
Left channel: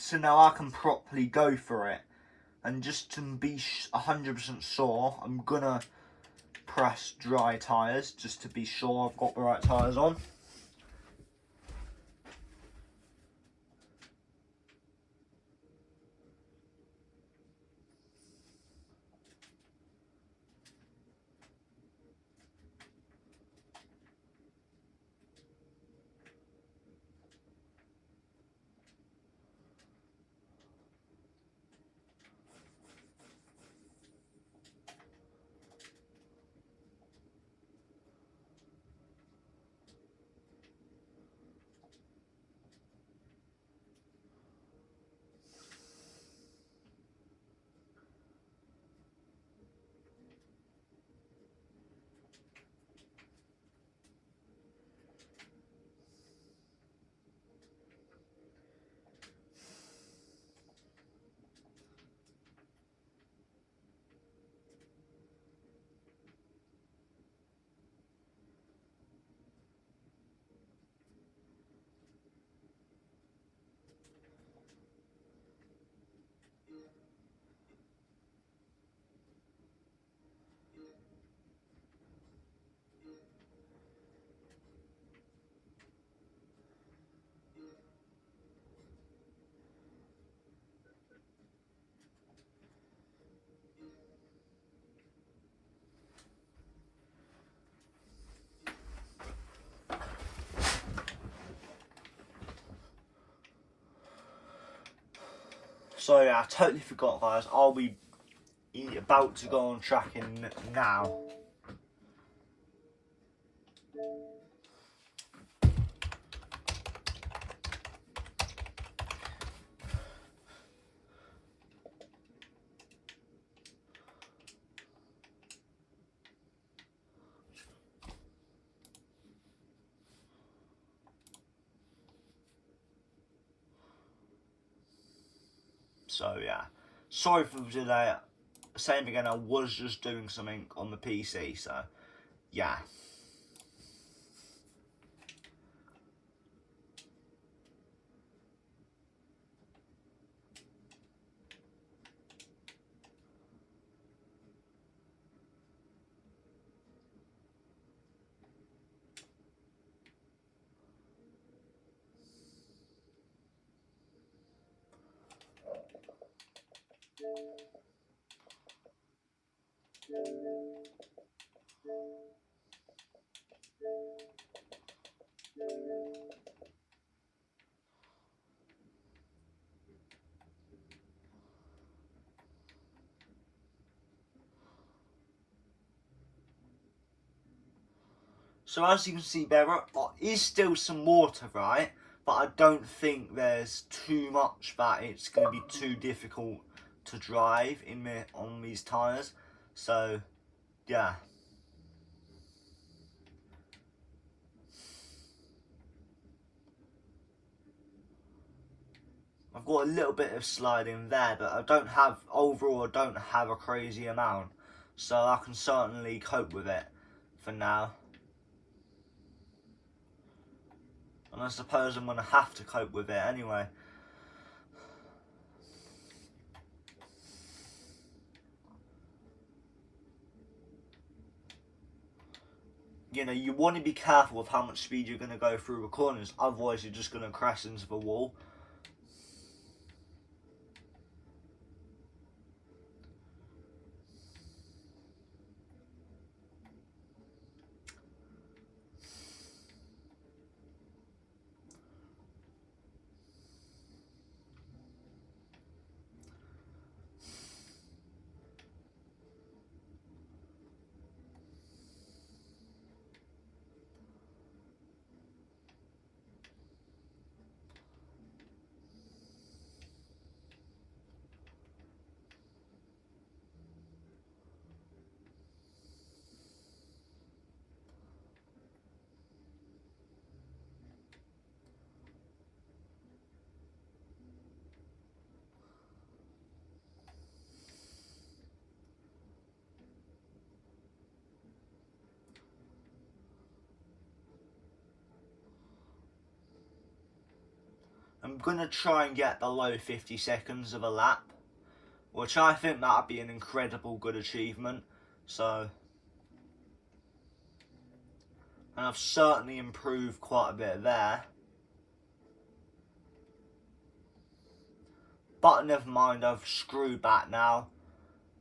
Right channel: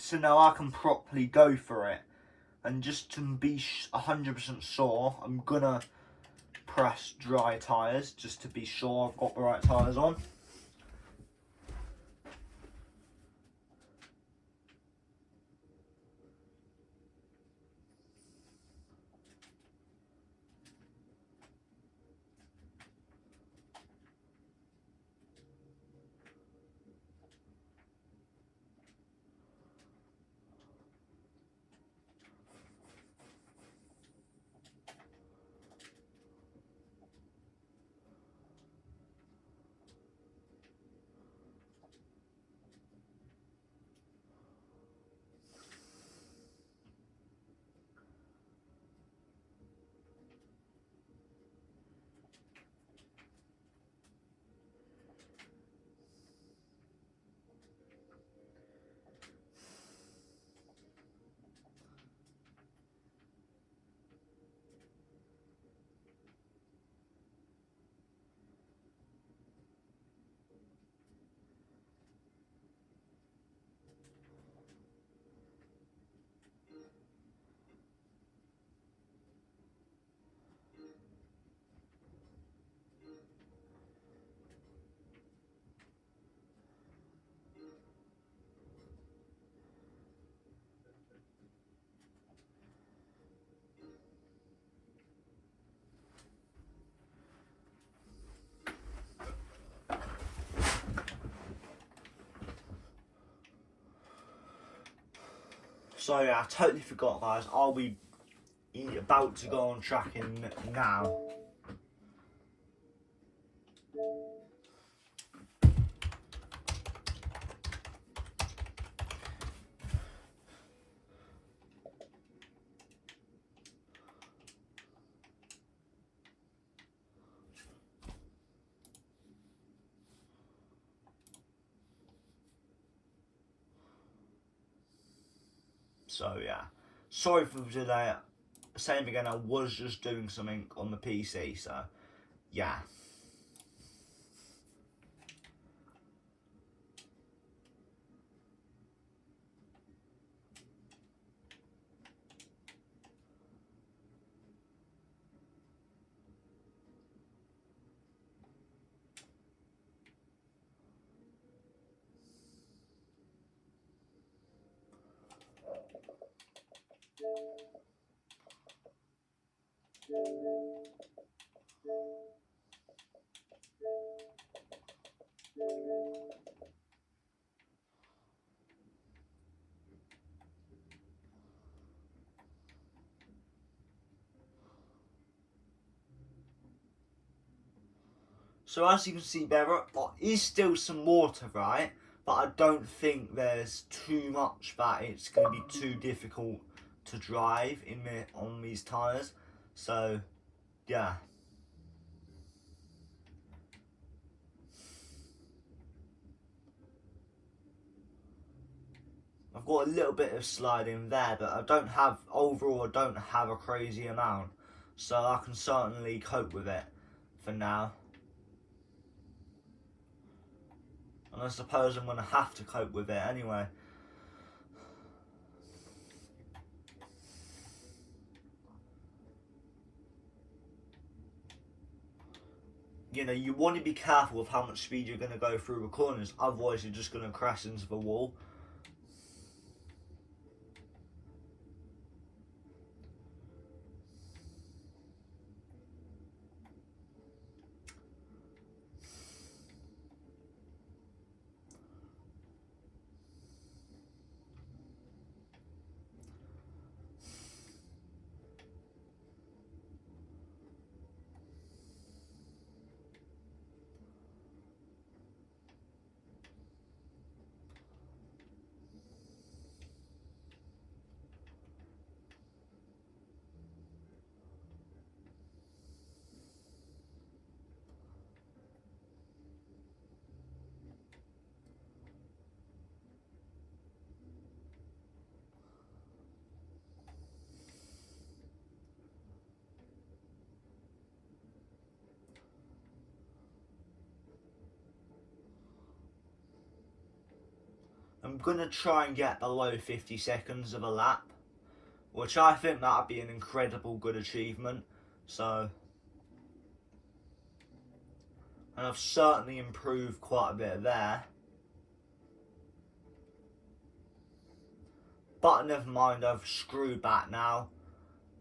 so now I can properly go for it. And just to be 100% sure, I'm gonna press dry tyres just to be sure I've got the right tyres on. So yeah, I totally forgot, guys. I'll be about to go on tracking now. So yeah, sorry for the delay. Same again, I was just doing something on the PC, so yeah. So as you can see, there is still some water, right? But I don't think there's too much that it's going to be too difficult to drive on these tyres. So yeah. I've got a little bit of sliding there, but I don't have a crazy amount. So I can certainly cope with it for now. And I suppose I'm going to have to cope with it anyway. You know, you want to be careful of how much speed you're going to go through the corners, otherwise you're just going to crash into the wall. I'm going to try and get below 50 seconds of a lap, which I think that would be an incredible good achievement. So, and I've certainly improved quite a bit there. But never mind, I've screwed back now,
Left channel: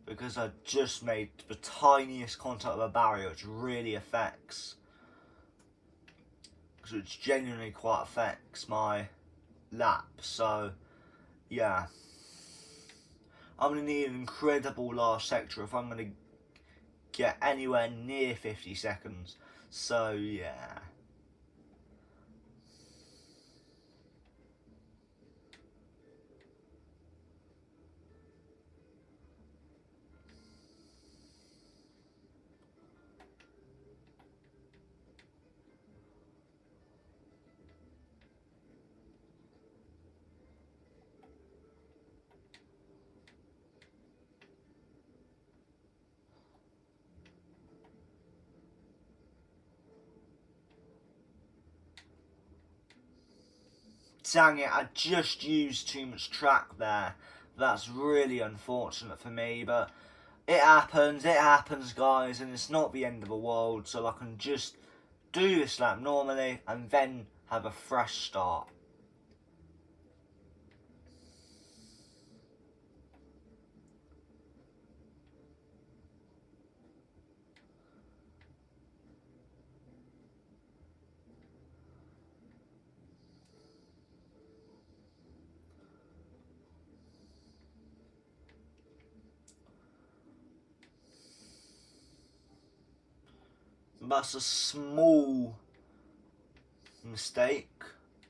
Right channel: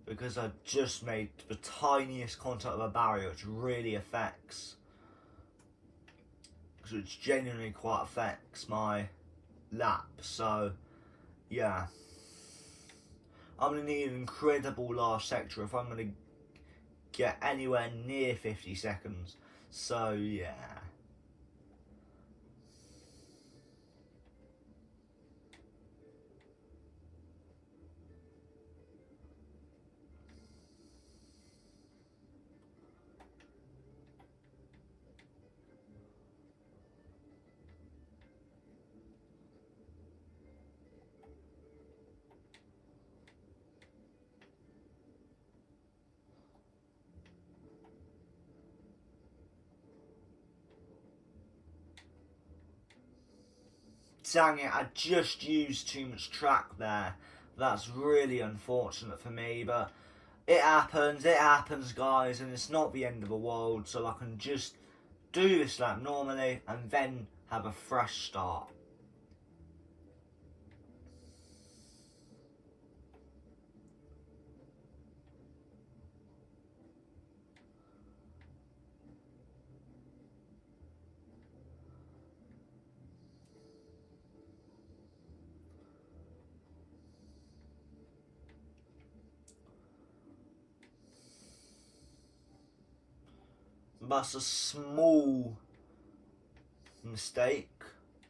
because I just made the tiniest contact with a barrier, which really affects, which genuinely quite affects my lap. So, yeah. I'm going to need an incredible last sector if I'm going to get anywhere near 50 seconds. So, yeah. Dang it, I just used too much track there. That's really unfortunate for me, but it happens, guys, and it's not the end of the world, so I can just do this lap normally and then have a fresh start. That's a small mistake,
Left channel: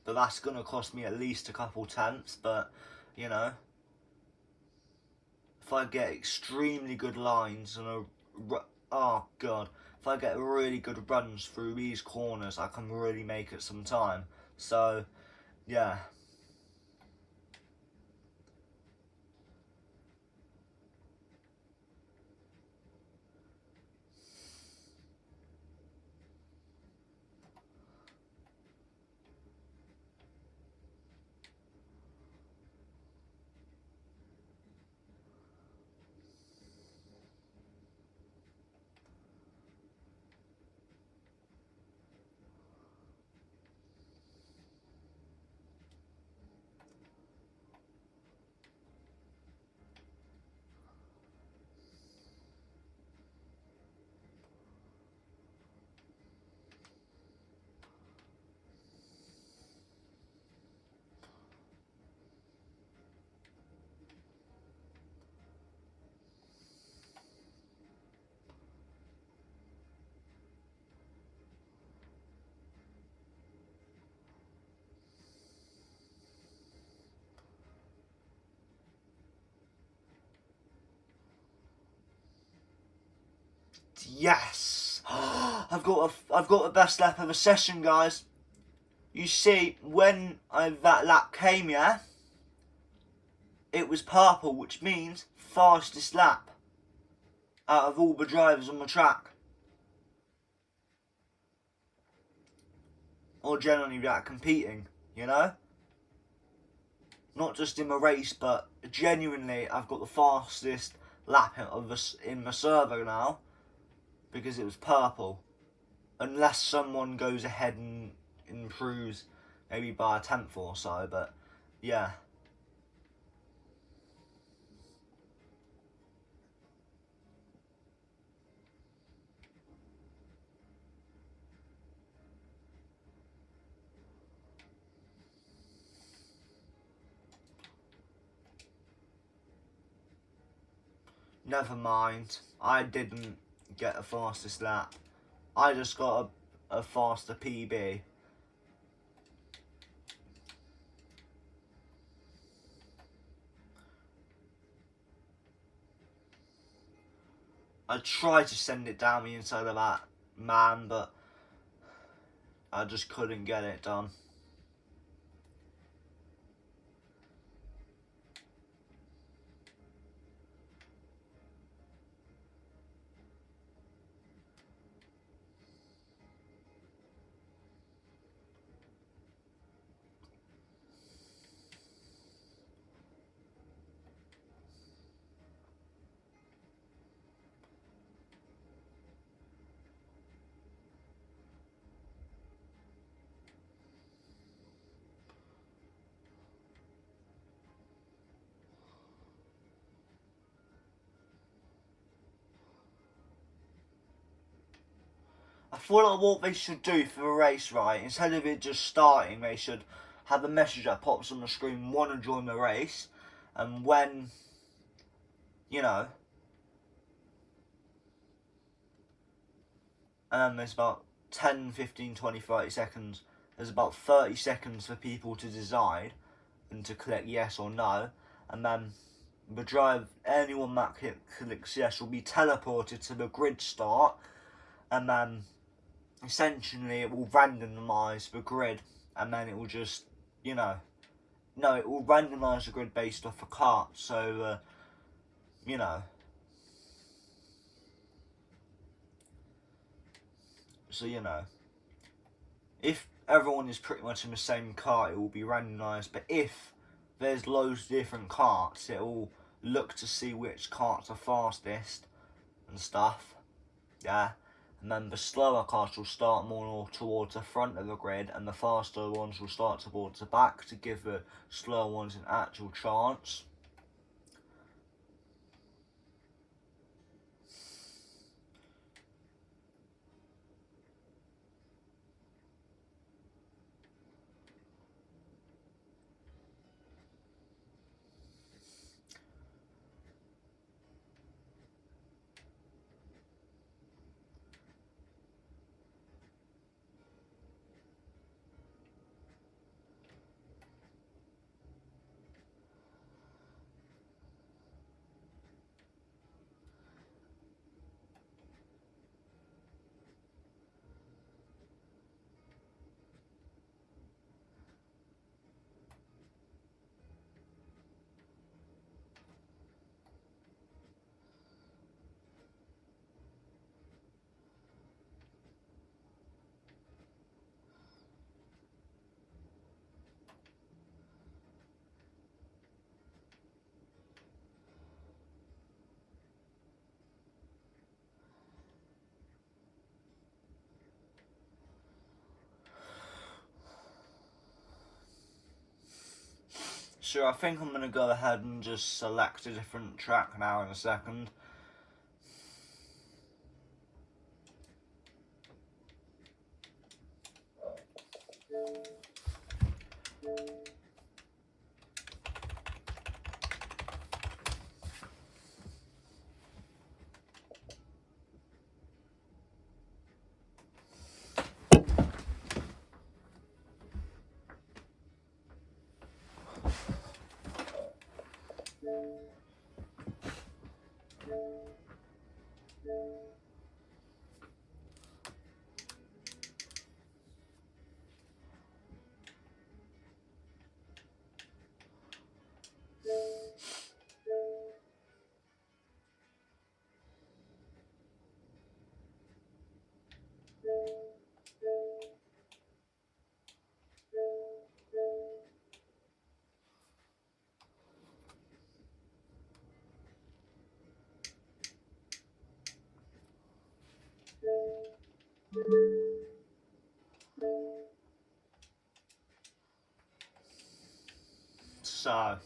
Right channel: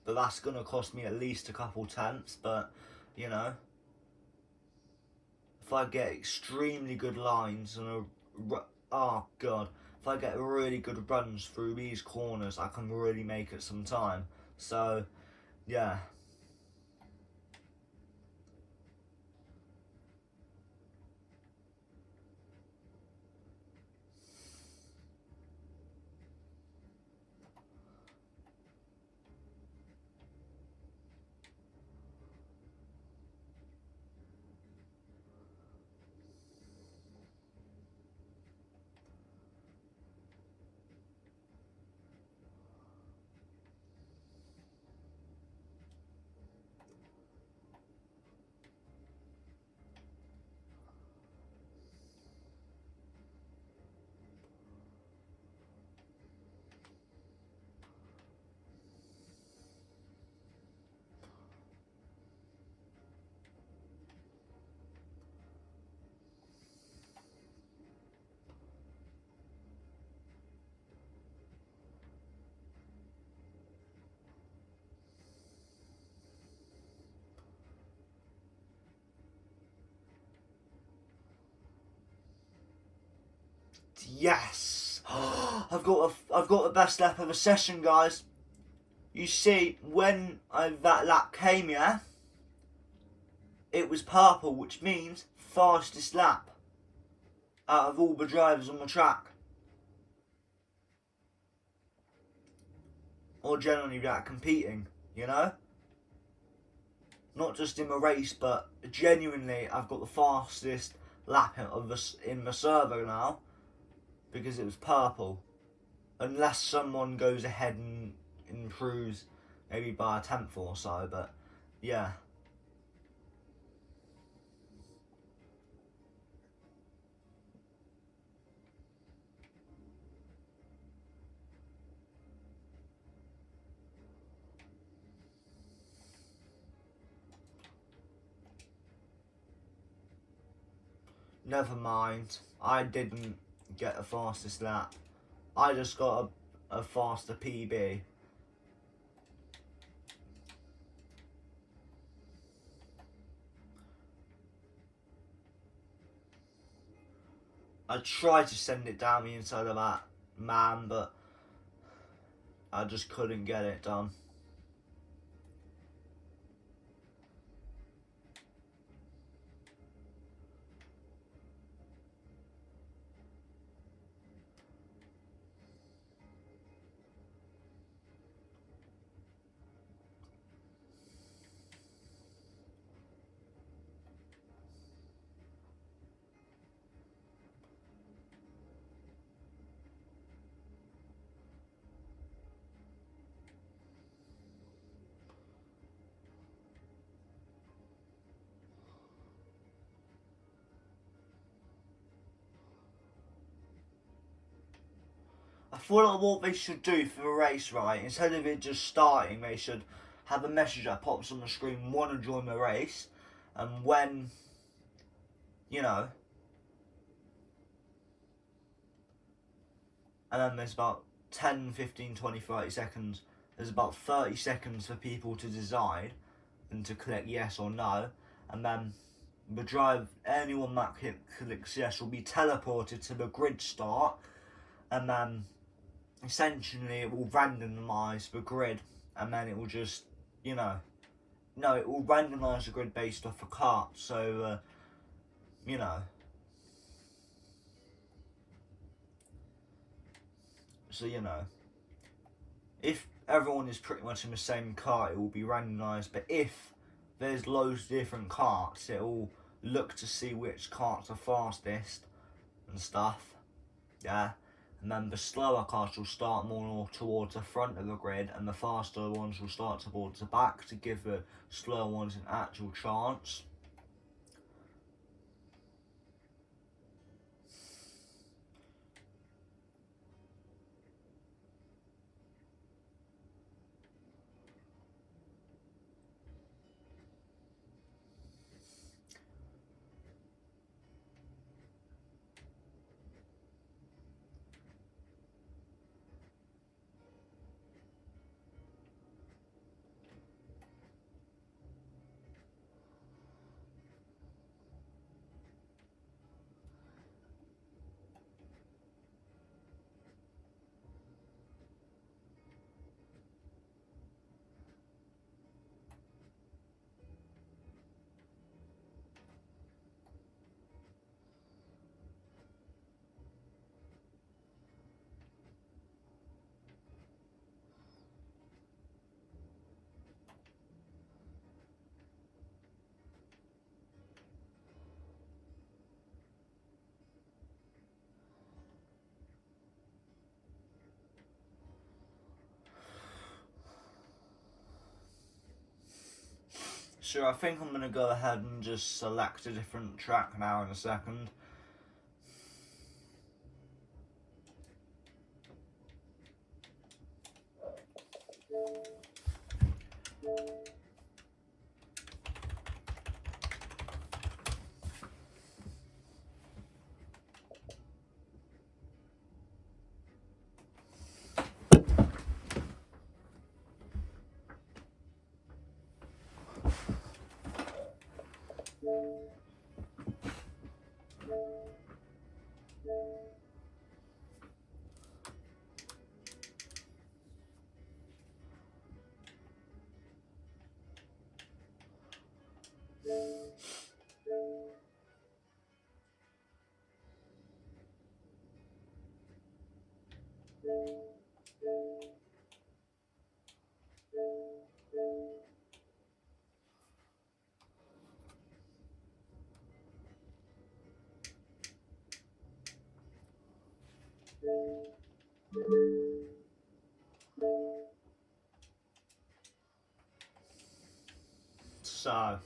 but that's going to cost me at least a couple tenths. But, you know, if I get extremely good lines and if I get really good runs through these corners, I can really make it some time. So, yeah. Yes! I've got the best lap of the session, guys. You see, when that lap came, yeah, it was purple, which means fastest lap out of all the drivers on the track. Or generally that competing, you know? Not just in the race, but genuinely I've got the fastest lap in the server now, because it was purple. Unless someone goes ahead and improves maybe by a tenth or so, but yeah. Never mind. I didn't get a fastest lap. I just got a faster PB. I tried to send it down the inside of that man, but I just couldn't get it done. feel like what they should do for the race, right, instead of it just starting, they should have a message that pops on the screen, want to join the race, and when, you know, and then there's about 10, 15, 20, 30 seconds, there's about 30 seconds for people to decide and to click yes or no, and then the drive, anyone that clicks yes will be teleported to the grid start, and then essentially it will randomise the grid, and then it will just, you know, no, it will randomise the grid based off a cart, so, you know, so, you know, if everyone is pretty much in the same cart, it will be randomised, but if there's loads of different carts, it will look to see which carts are fastest and stuff, yeah, and then the slower carts will start more towards the front of the grid, and the faster ones will start towards the back to give the slower ones an actual chance. So I think I'm going to go ahead and just select a different track now in a second. So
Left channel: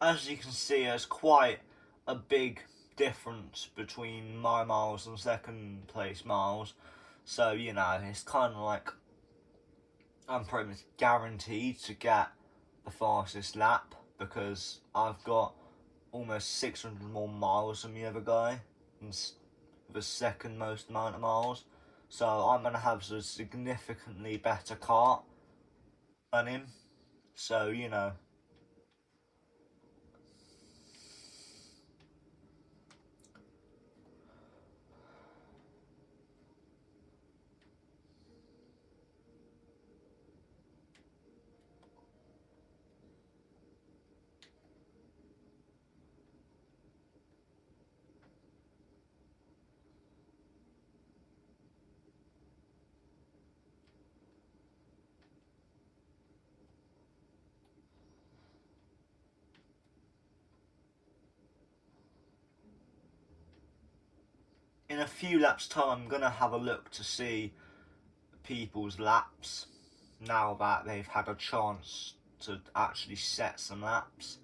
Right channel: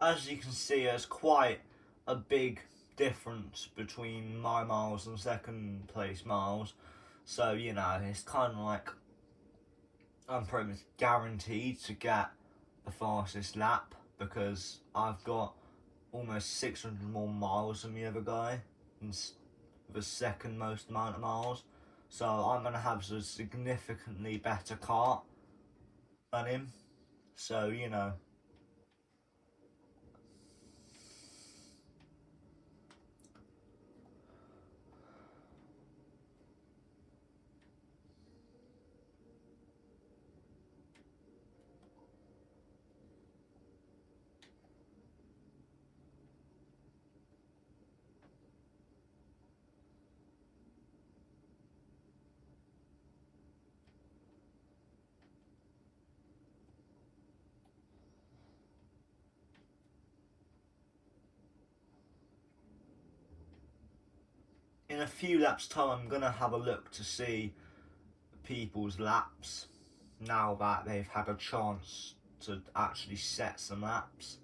as you can see, there's quite a big difference between my miles and second place miles. So, you know, it's kind of like I'm pretty much guaranteed to get the fastest lap because I've got almost 600 more miles than the other guy, and the second most amount of miles. So I'm going to have a significantly better car than him. So, you know. In a few laps time, I'm going to have a look to see people's laps now that they've had a chance to actually set some laps.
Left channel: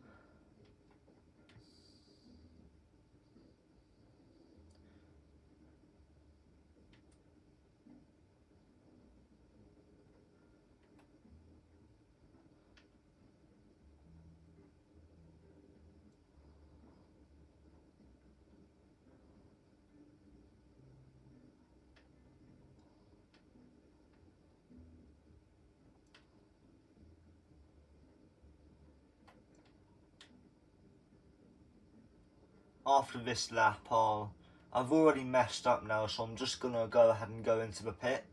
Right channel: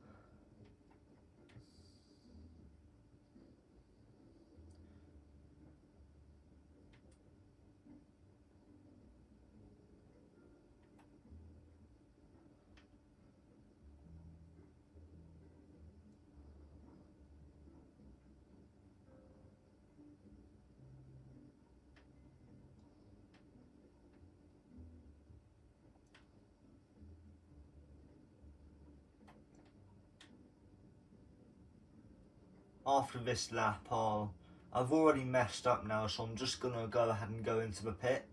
After this lap, I've already messed up now, so I'm just going to go ahead and go into the pit.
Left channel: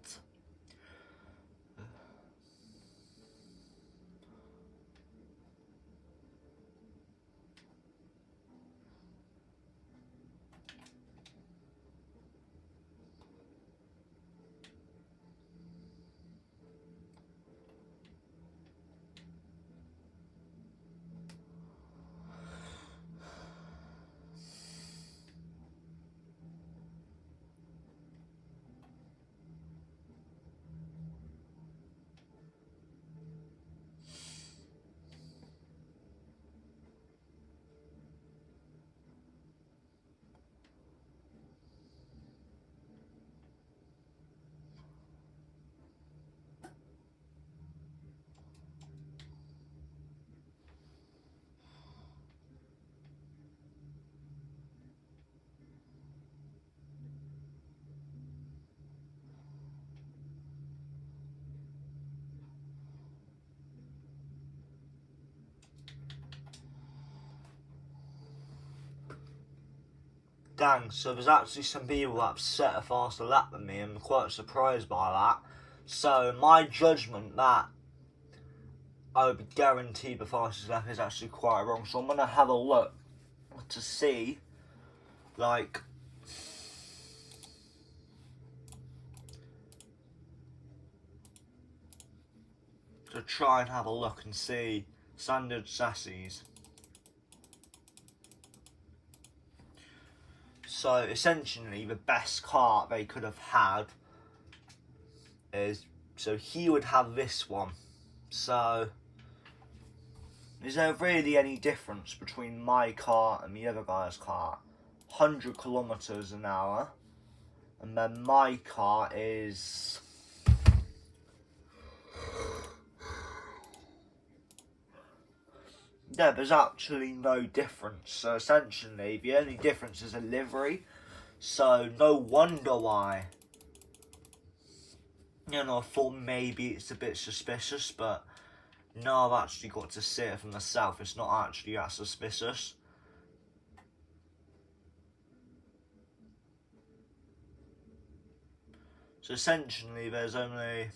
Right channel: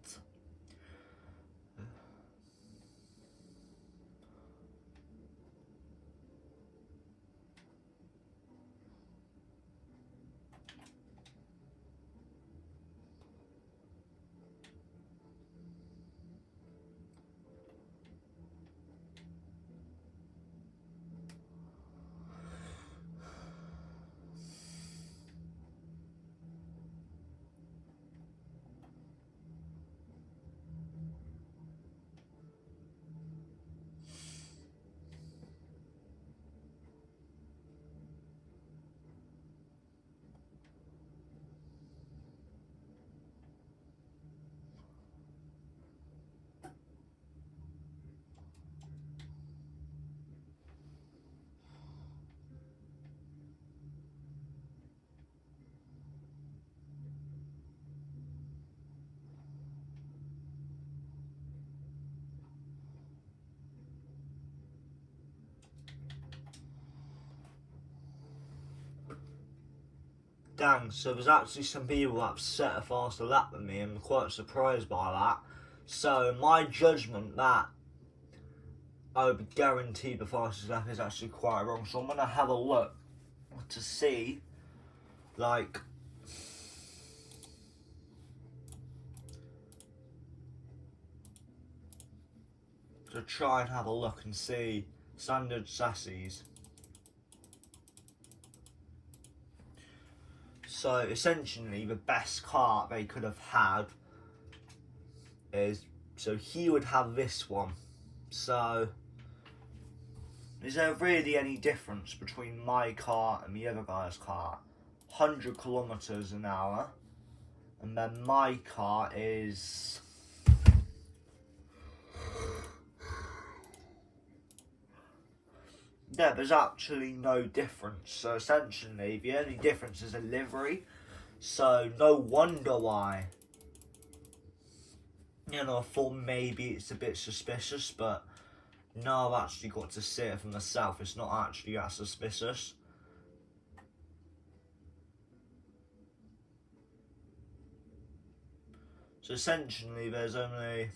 Dang, so there's actually some people that have set a faster lap than me, and I'm quite surprised by that. So my judgment that I would be guaranteed the fastest lap is actually quite wrong. So I'm going to have a look to see, like, to try and have a look and see standard chassis. So essentially the best car they could have had is, so he would have this one. So is there really any difference between my car and the other guy's car? 100 kilometers an hour, and then my car is yeah, there's actually no difference. So essentially the only difference is a livery. So no wonder why. You know, I thought maybe it's a bit suspicious, but no, I've actually got to see it for myself. It's not actually that suspicious. So essentially there's only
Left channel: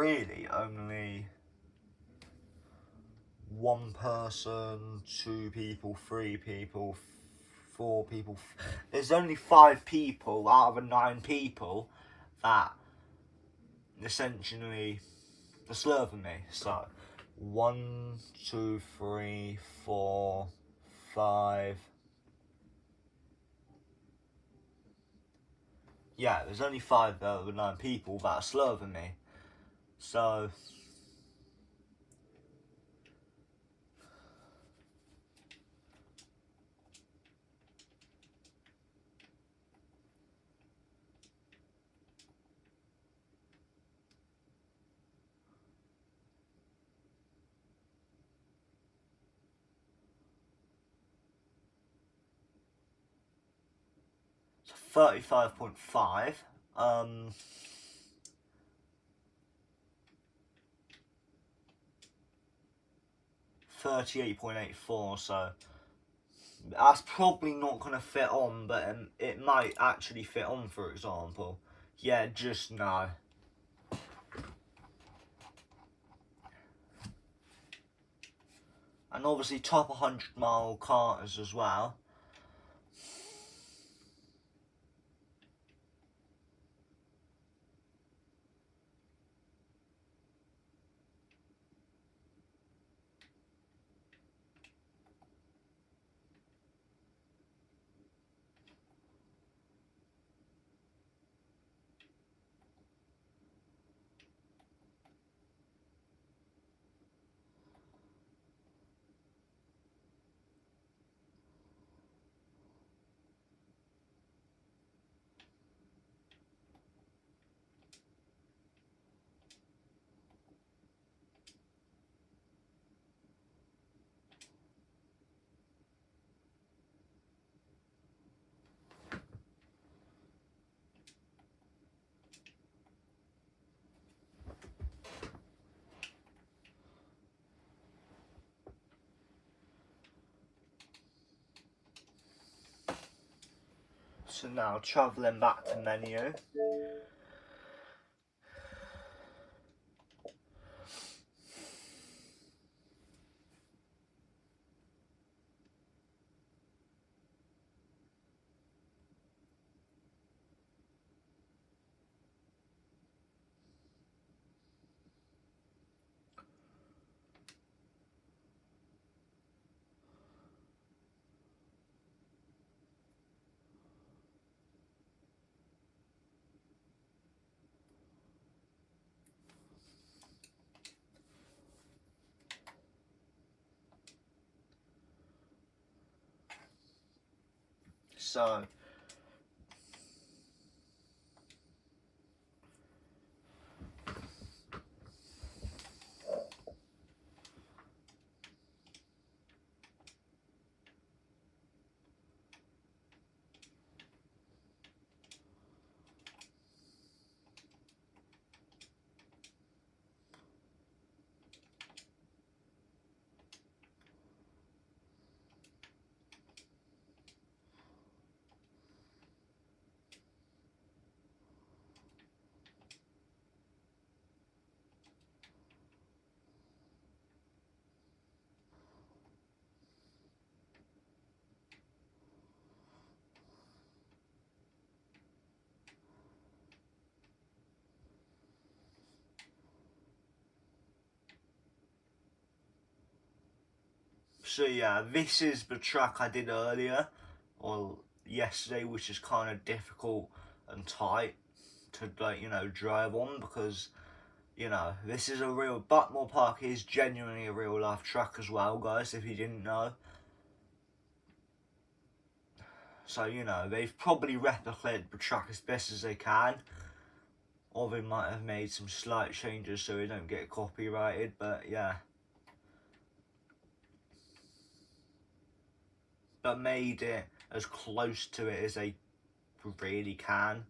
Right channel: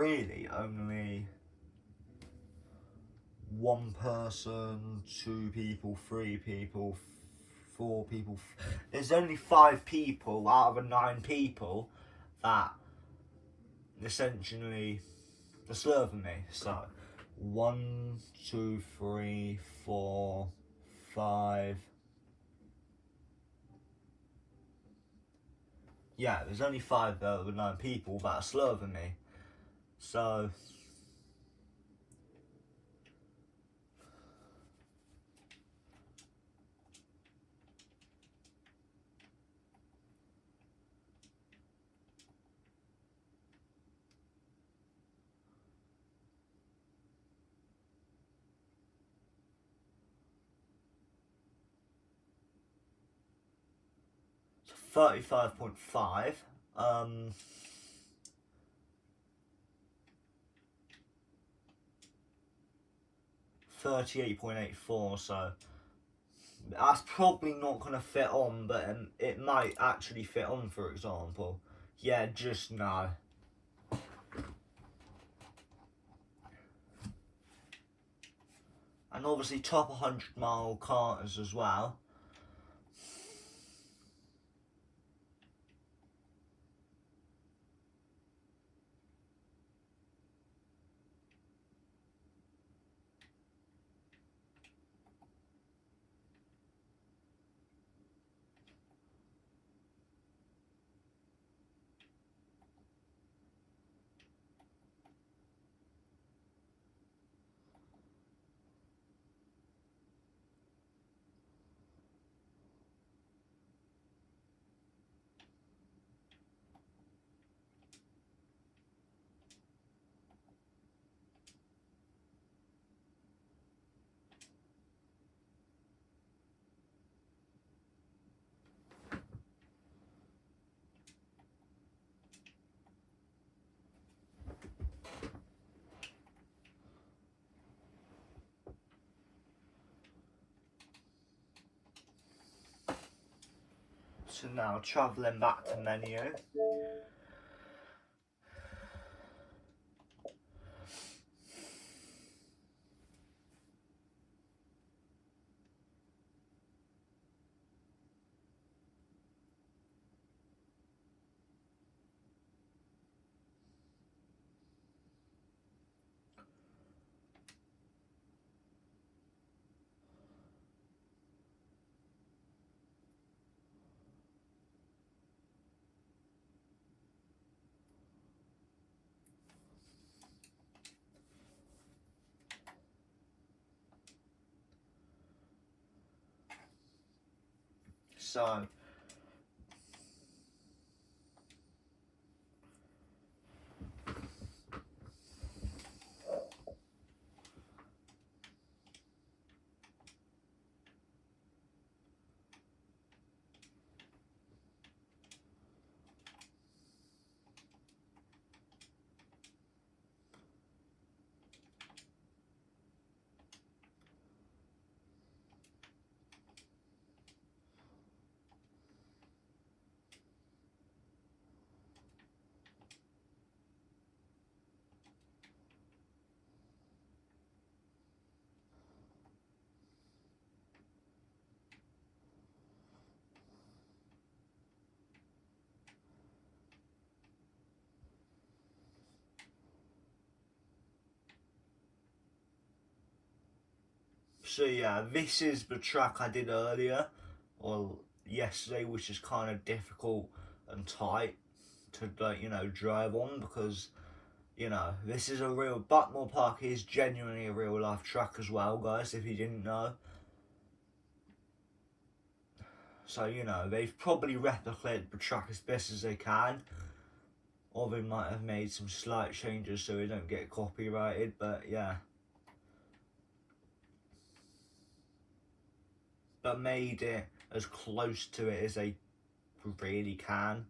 really only one person, two people, three people, four people. There's only 5 people out of the 9 people that essentially are slower than me. So 1, 2, 3, 4, 5. yeah, there's only 5 out of 9 people that are slower than me. So, so 35.5. 38.84, so that's probably not going to fit on, but it might actually fit on, for example. Yeah, just no. And obviously top 100-mile karters as well. So now travelling back to menu. So yeah, this is the track I did earlier, or yesterday, which is kind of difficult and tight to, like, drive on, because this is a real, Buckmore Park is genuinely a real life track as well, guys, if you didn't know. So, they've probably replicated the track as best as they can, or they might have made some slight changes so they don't get copyrighted, but yeah. But made it as close to it as they really can.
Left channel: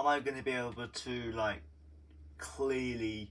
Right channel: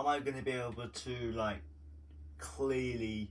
am I going to be able to like clearly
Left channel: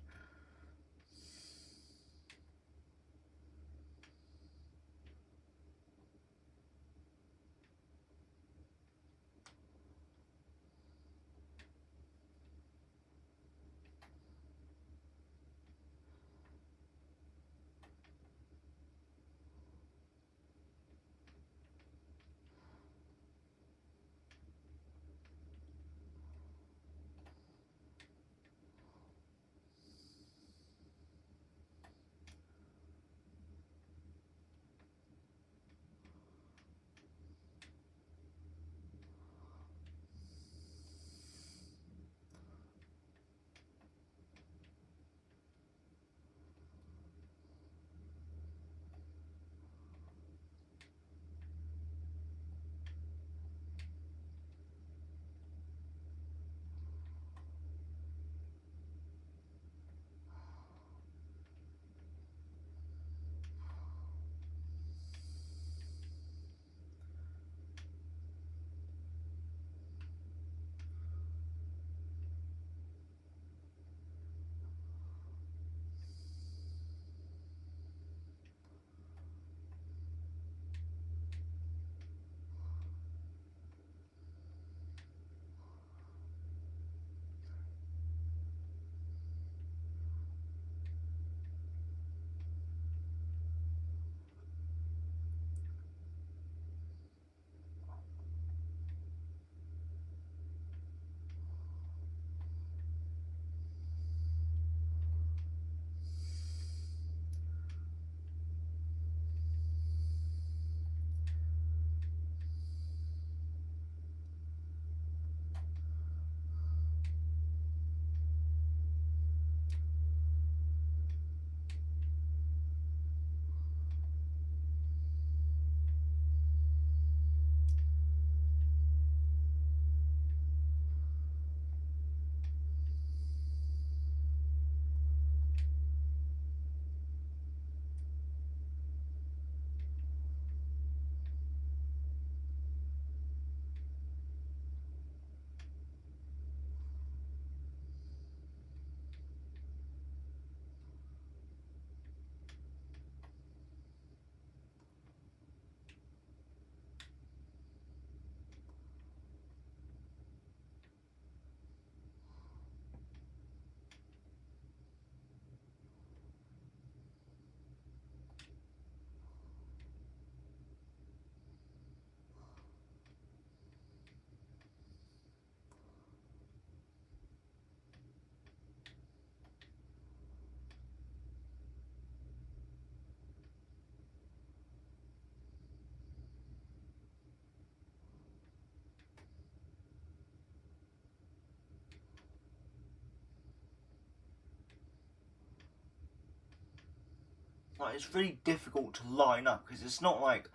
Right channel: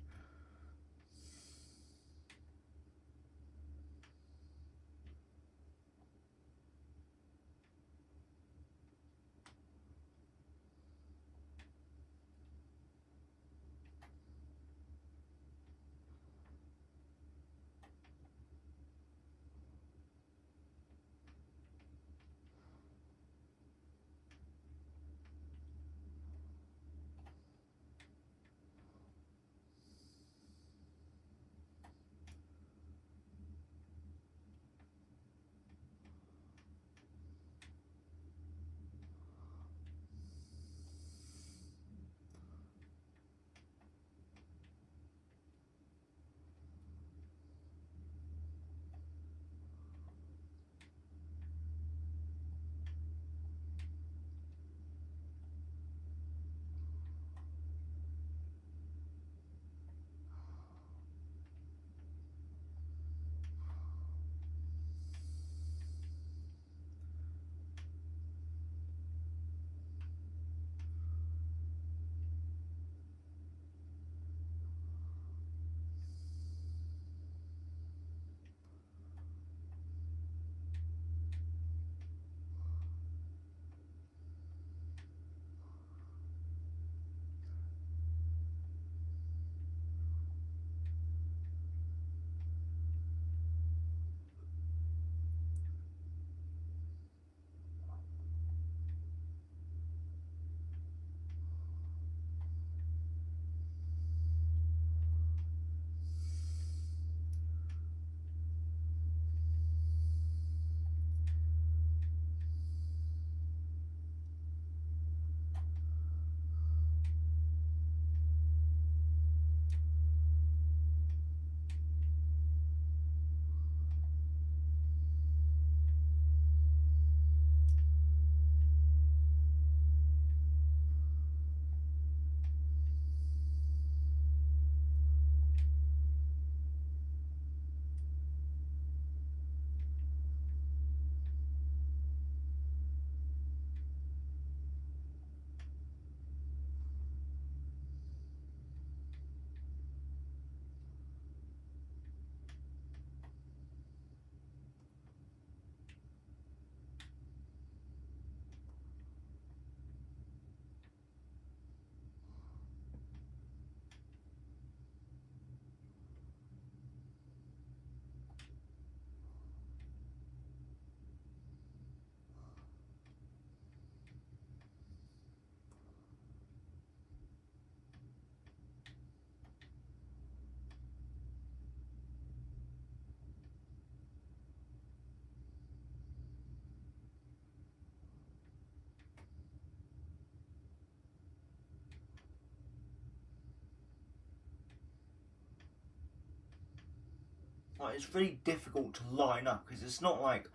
like, it's really difficult to line up because it's not like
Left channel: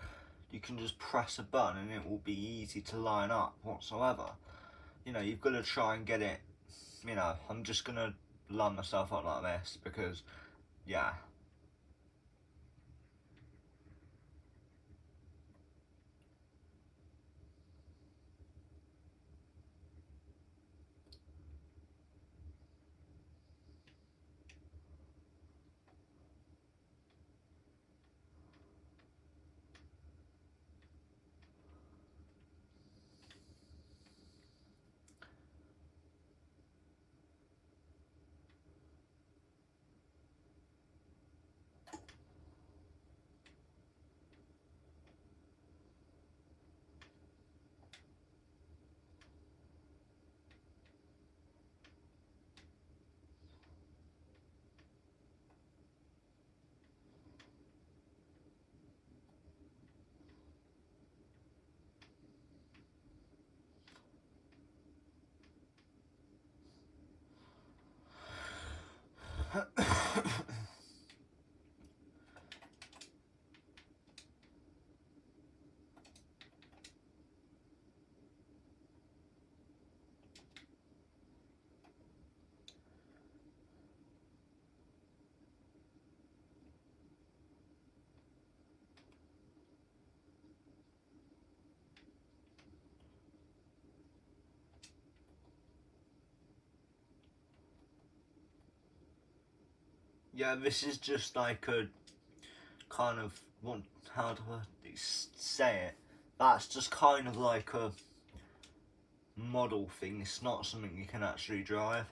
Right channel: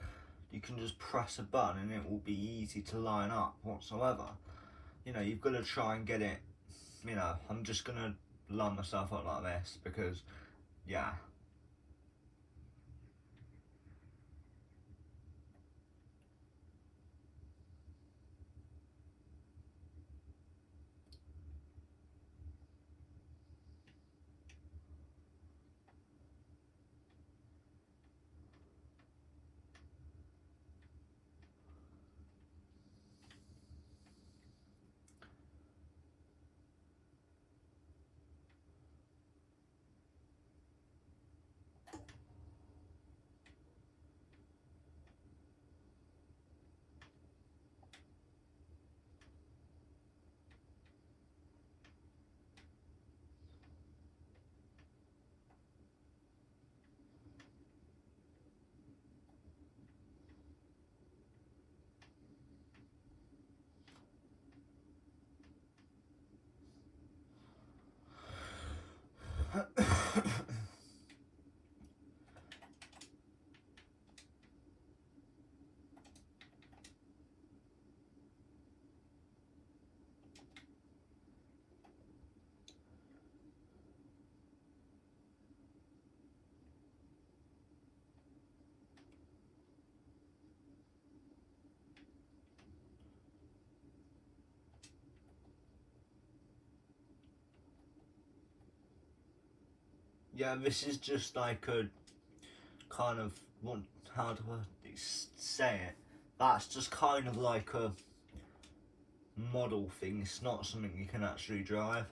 you can just press a button and it will be easy to line up whatsoever. You know, you've got to try and get it. You know, I'm just gonna line myself up like this because, yeah. Yeah, this is just like a kind of, how do I say it? That's just kind of like a model thing. It's not something you can actually drive.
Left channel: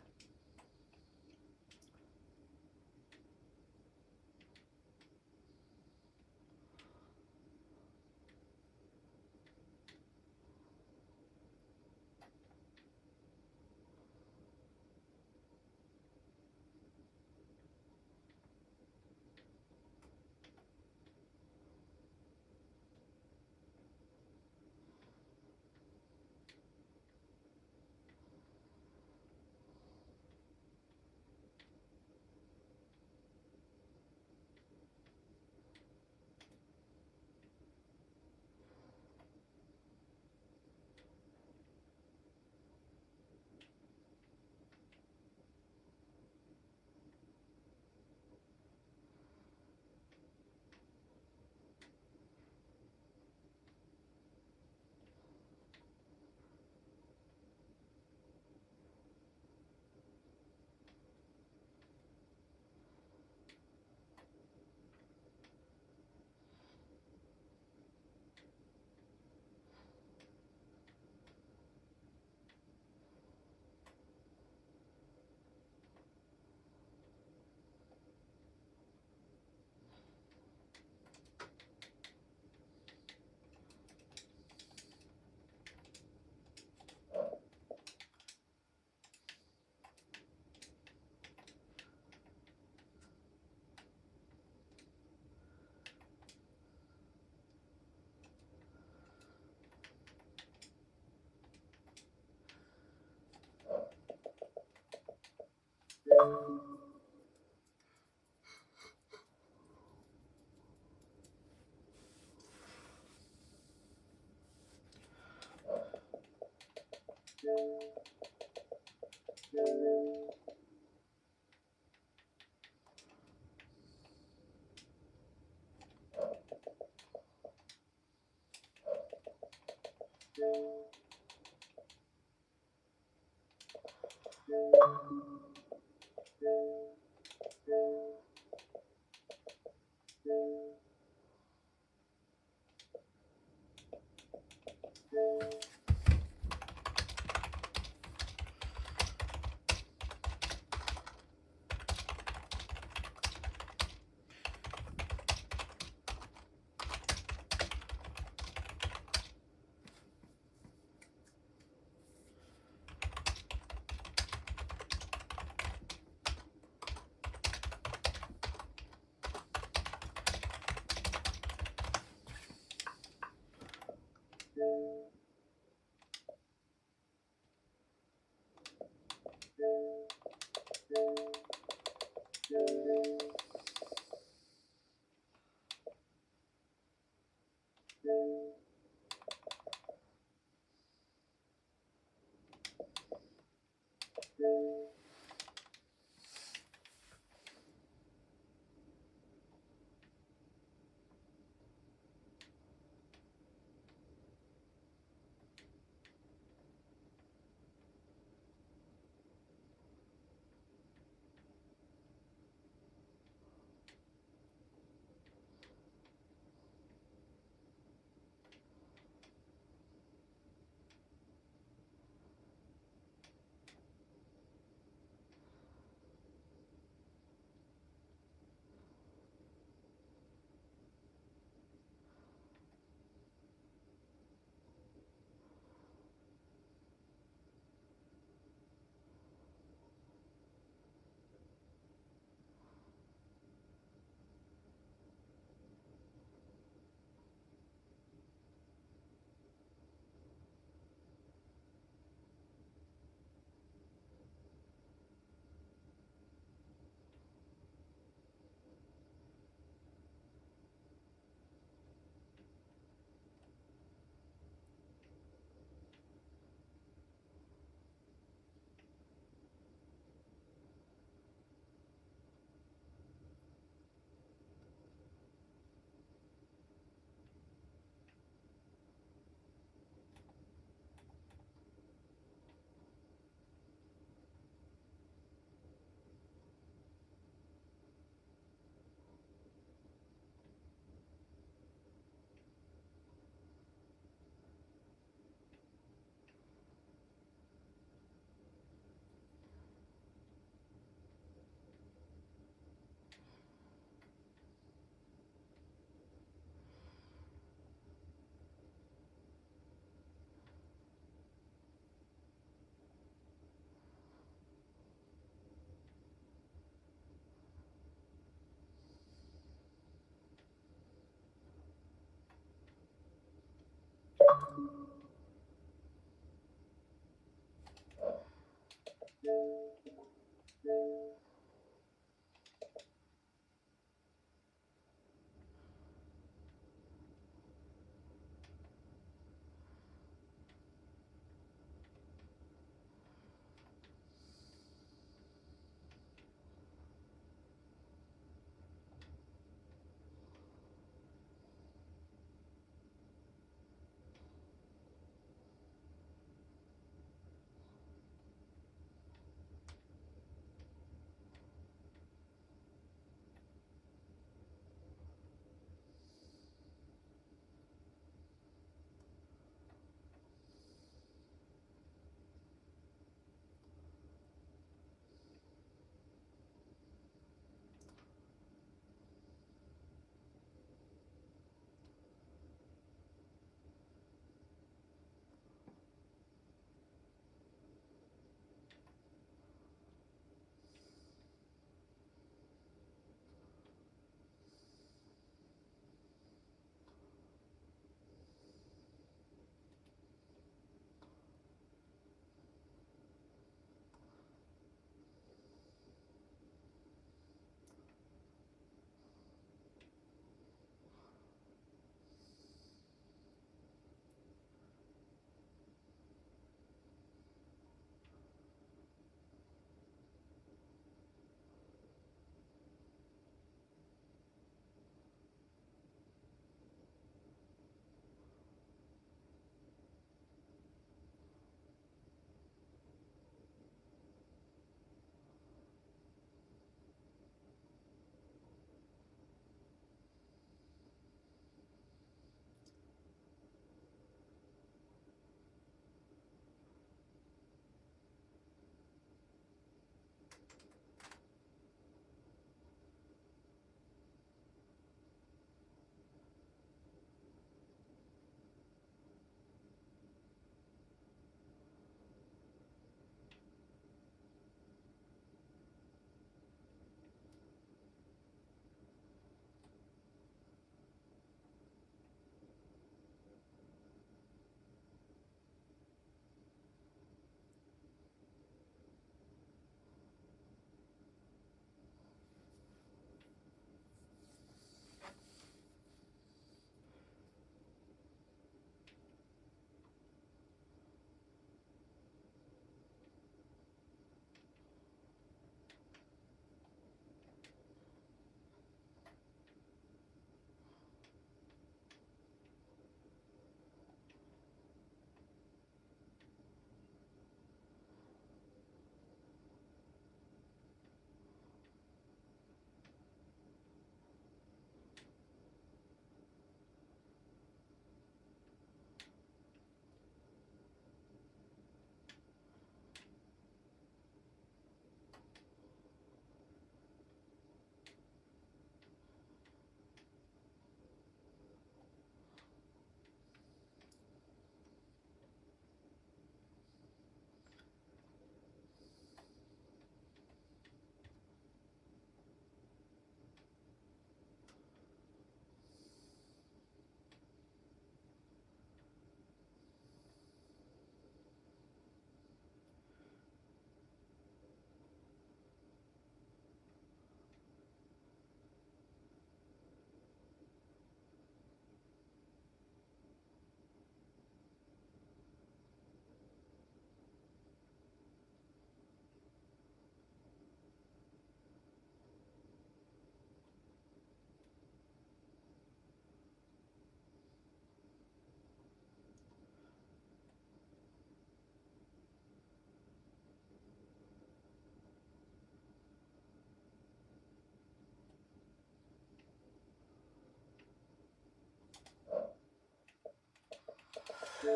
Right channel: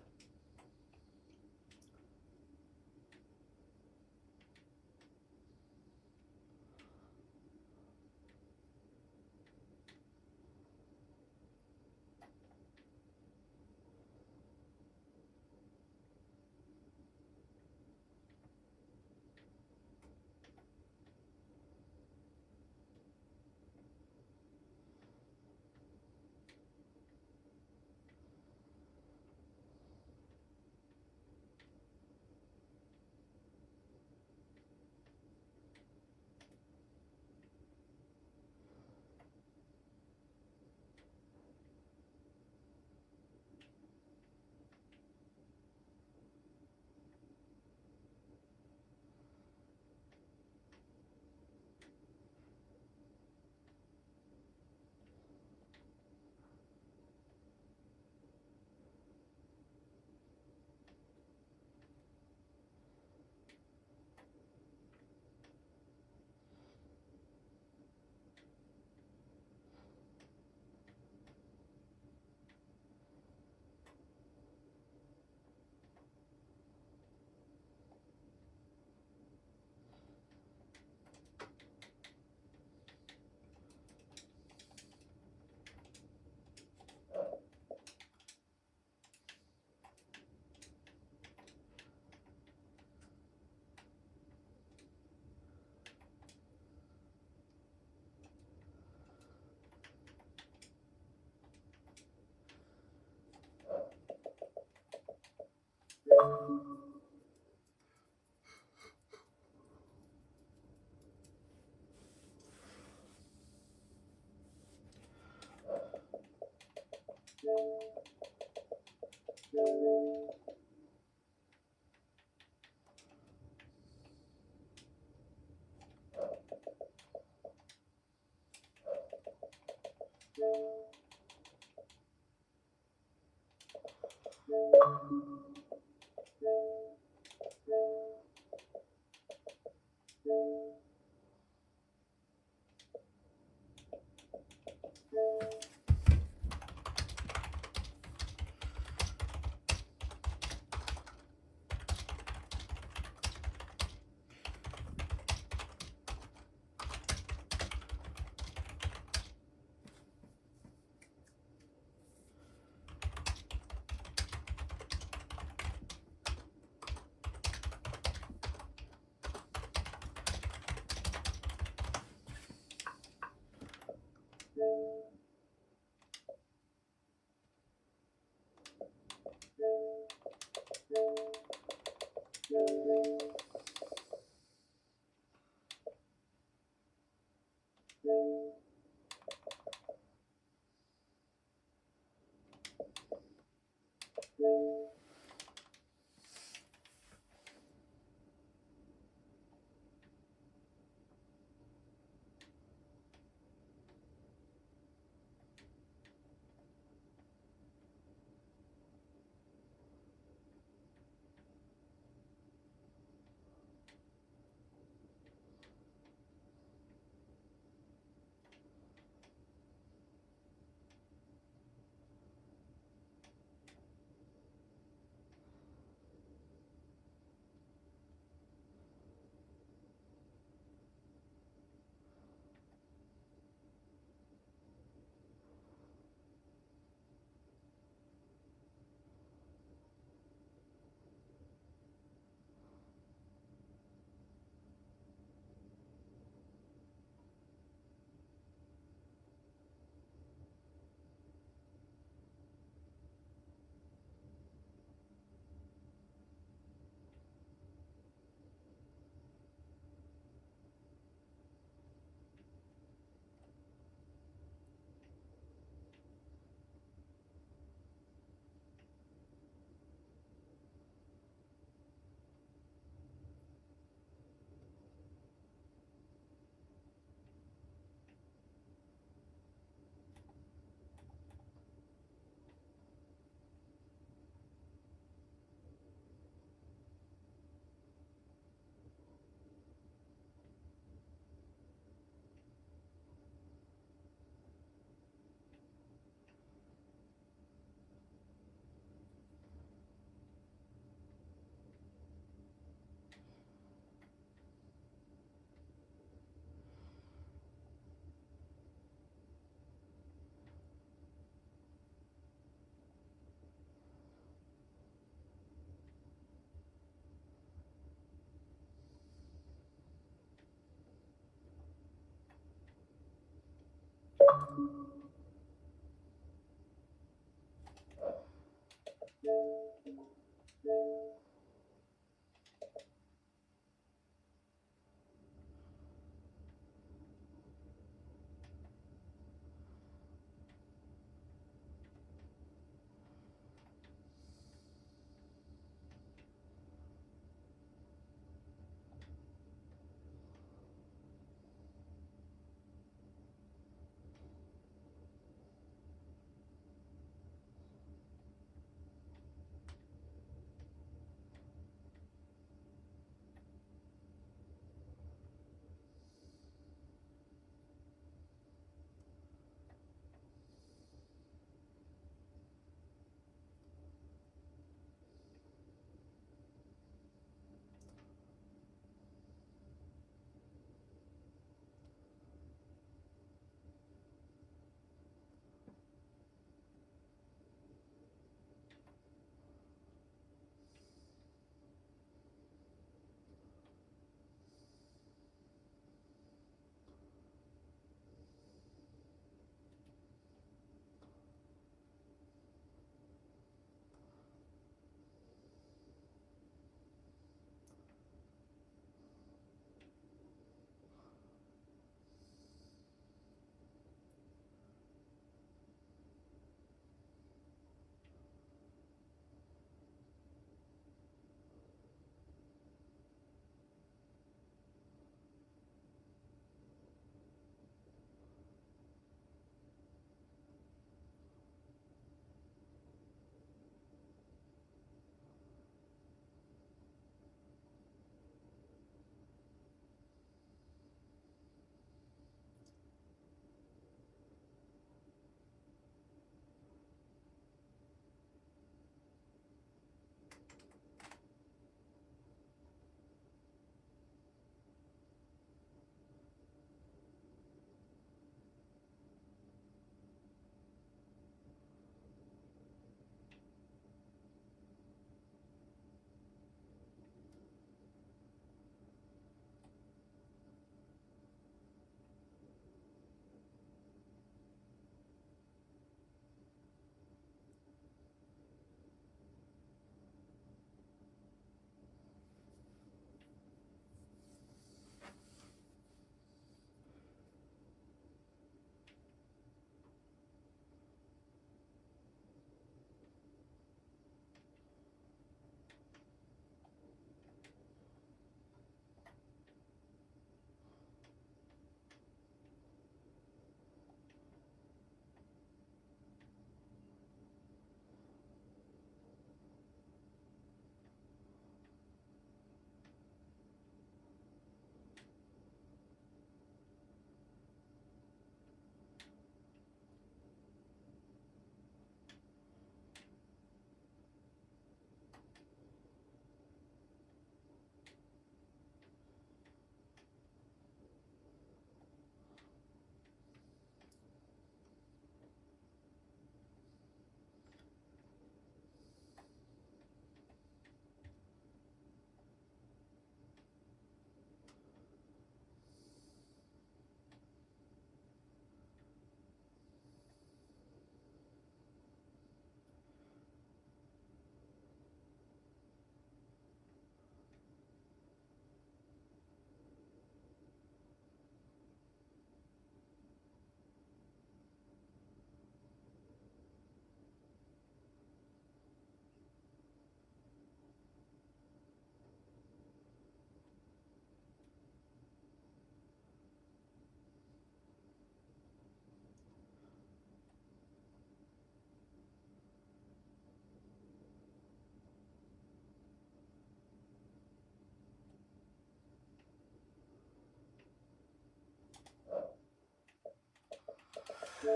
You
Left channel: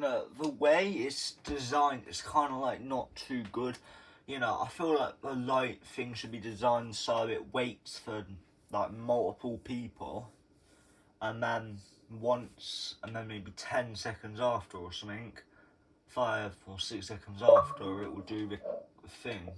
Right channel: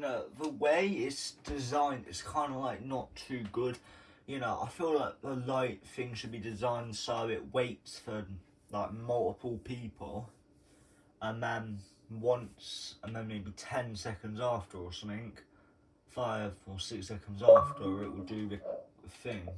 know, the way it's designed is kind of like not too good. You know, I feel like the light thing should be designed so it waits for like multiple people, and then once, and then maybe 10 seconds after or something, 5 or 6 seconds after, it will do the thing.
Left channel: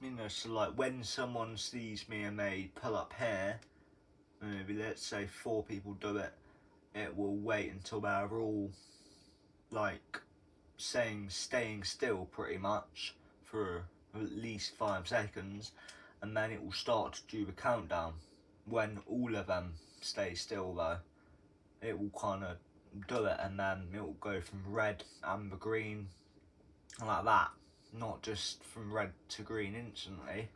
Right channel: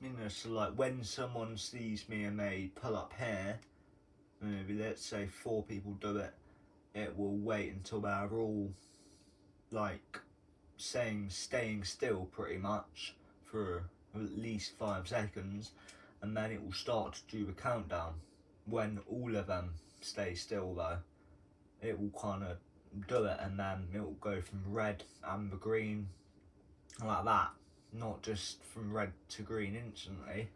You know, so like when someone sees me and they pull up here, maybe let's say 4 people do it, it will wait until they're all like staying still pretty much for at least 5 seconds, and then it will start to do the countdown. When all of them stay still though, it will kind of do it, and then it will go from red, amber, green, like that, not just from red to green instantly.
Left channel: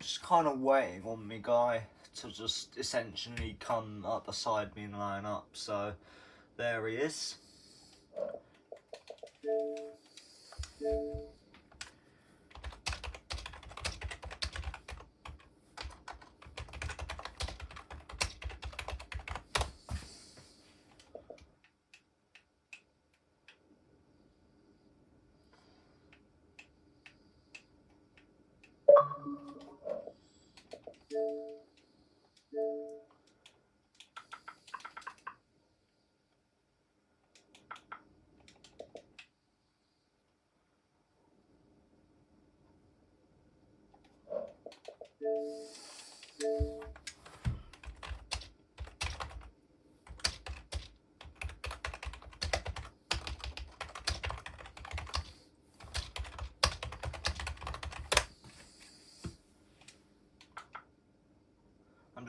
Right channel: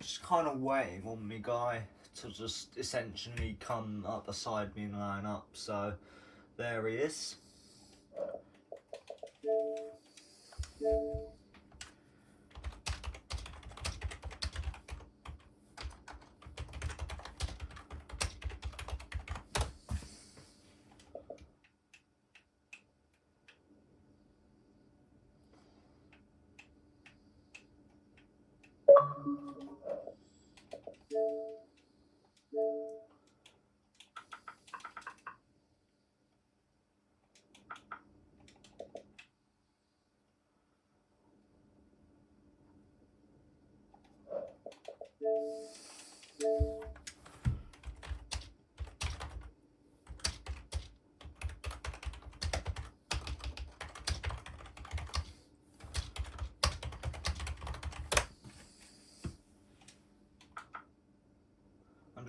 Just kind of waiting on me guy to just essentially come up beside me and line up, so there he is.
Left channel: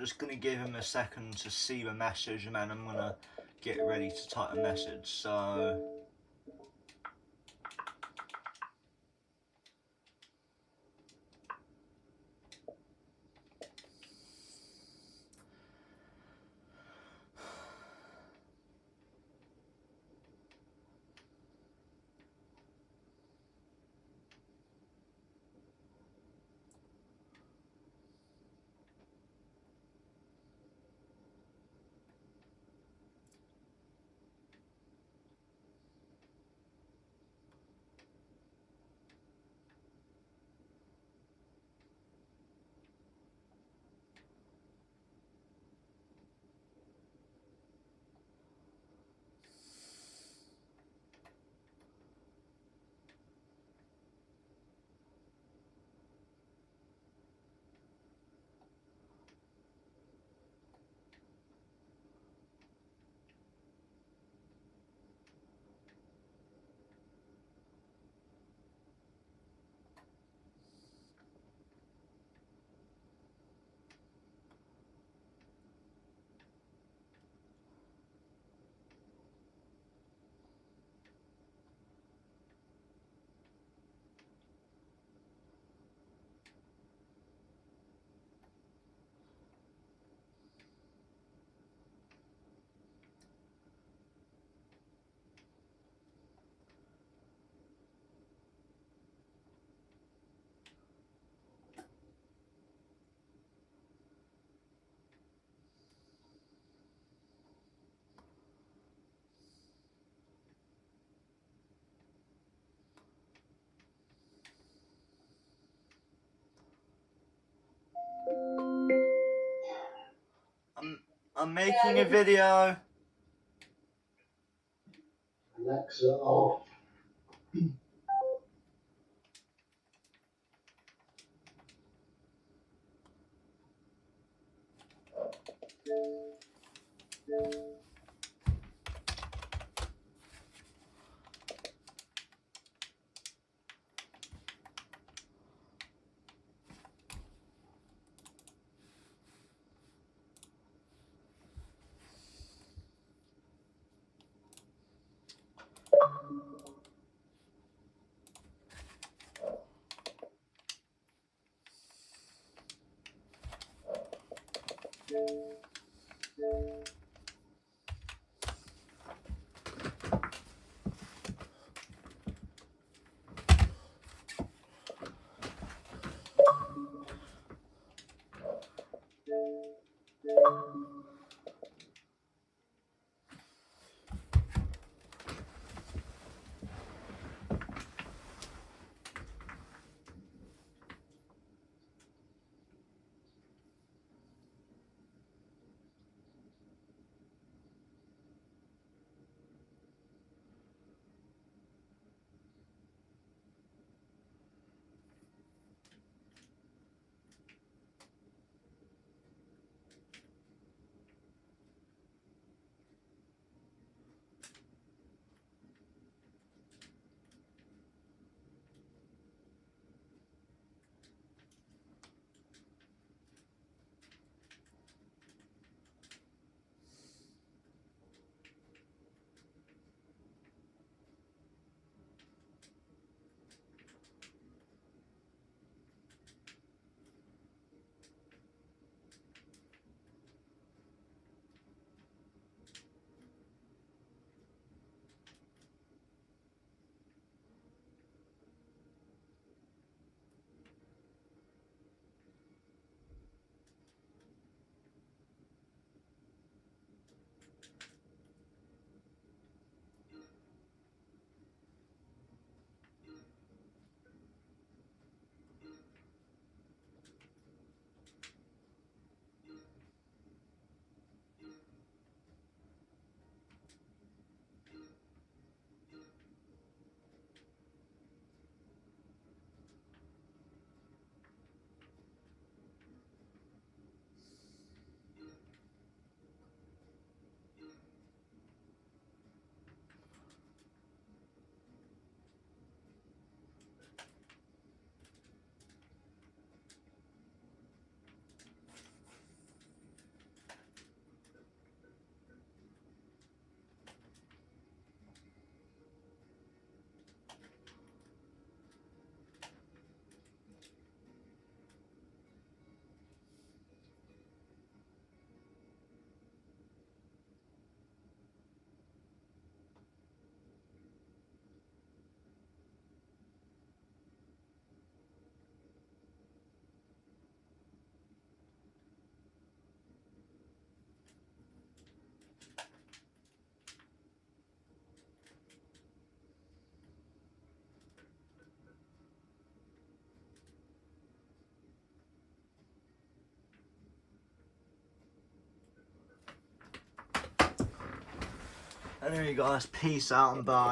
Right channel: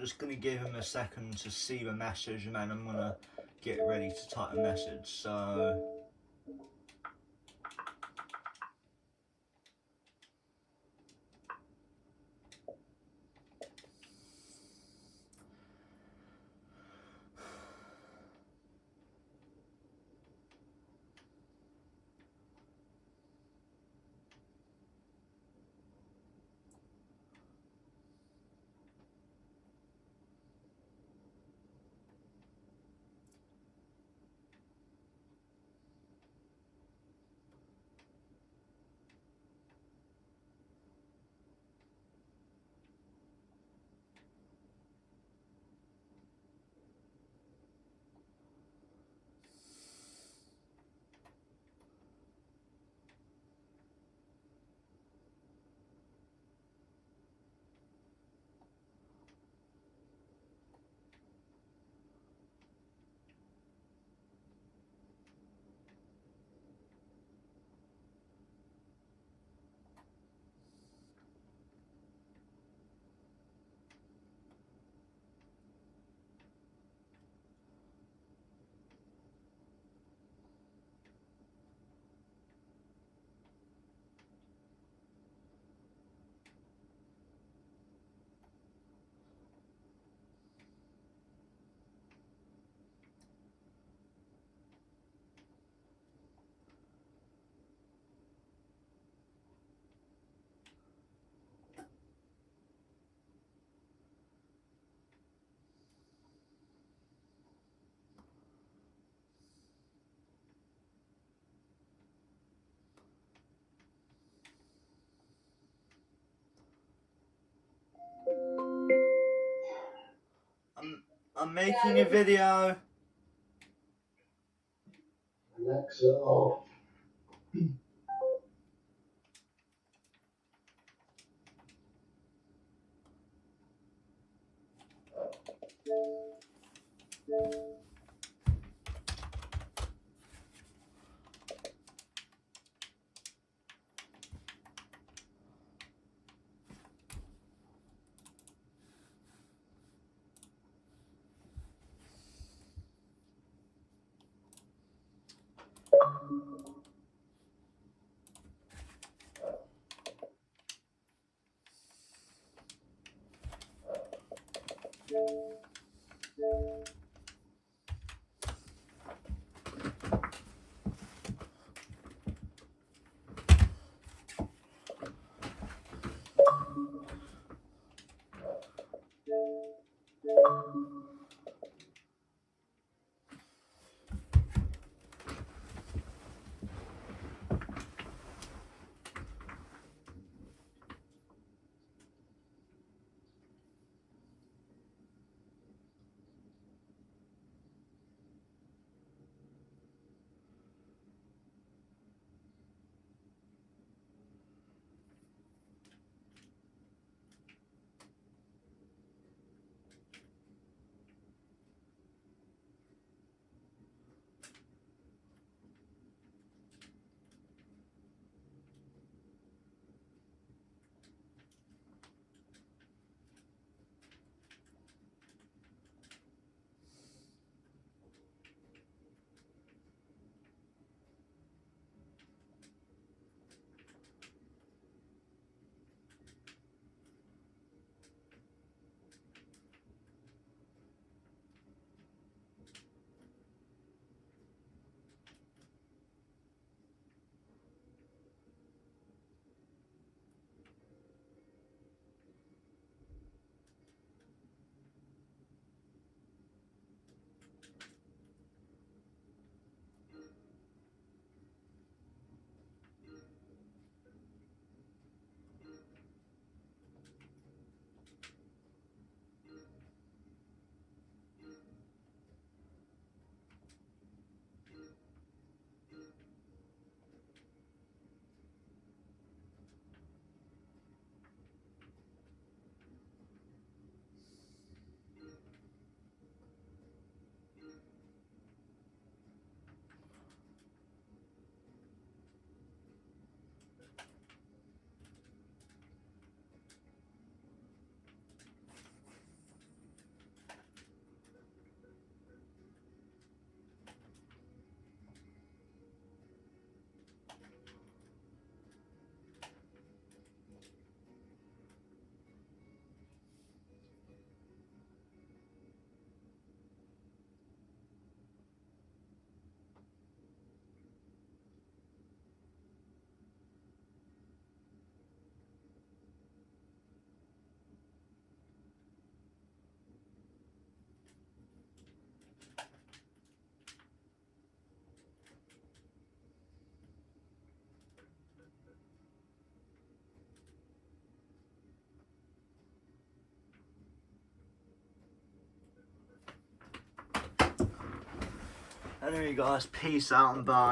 just going to give him a second to see the message, and then I'm going to get ready to type a message. So I'm making a video. Alexa off. Anyway guys, peace out and bye.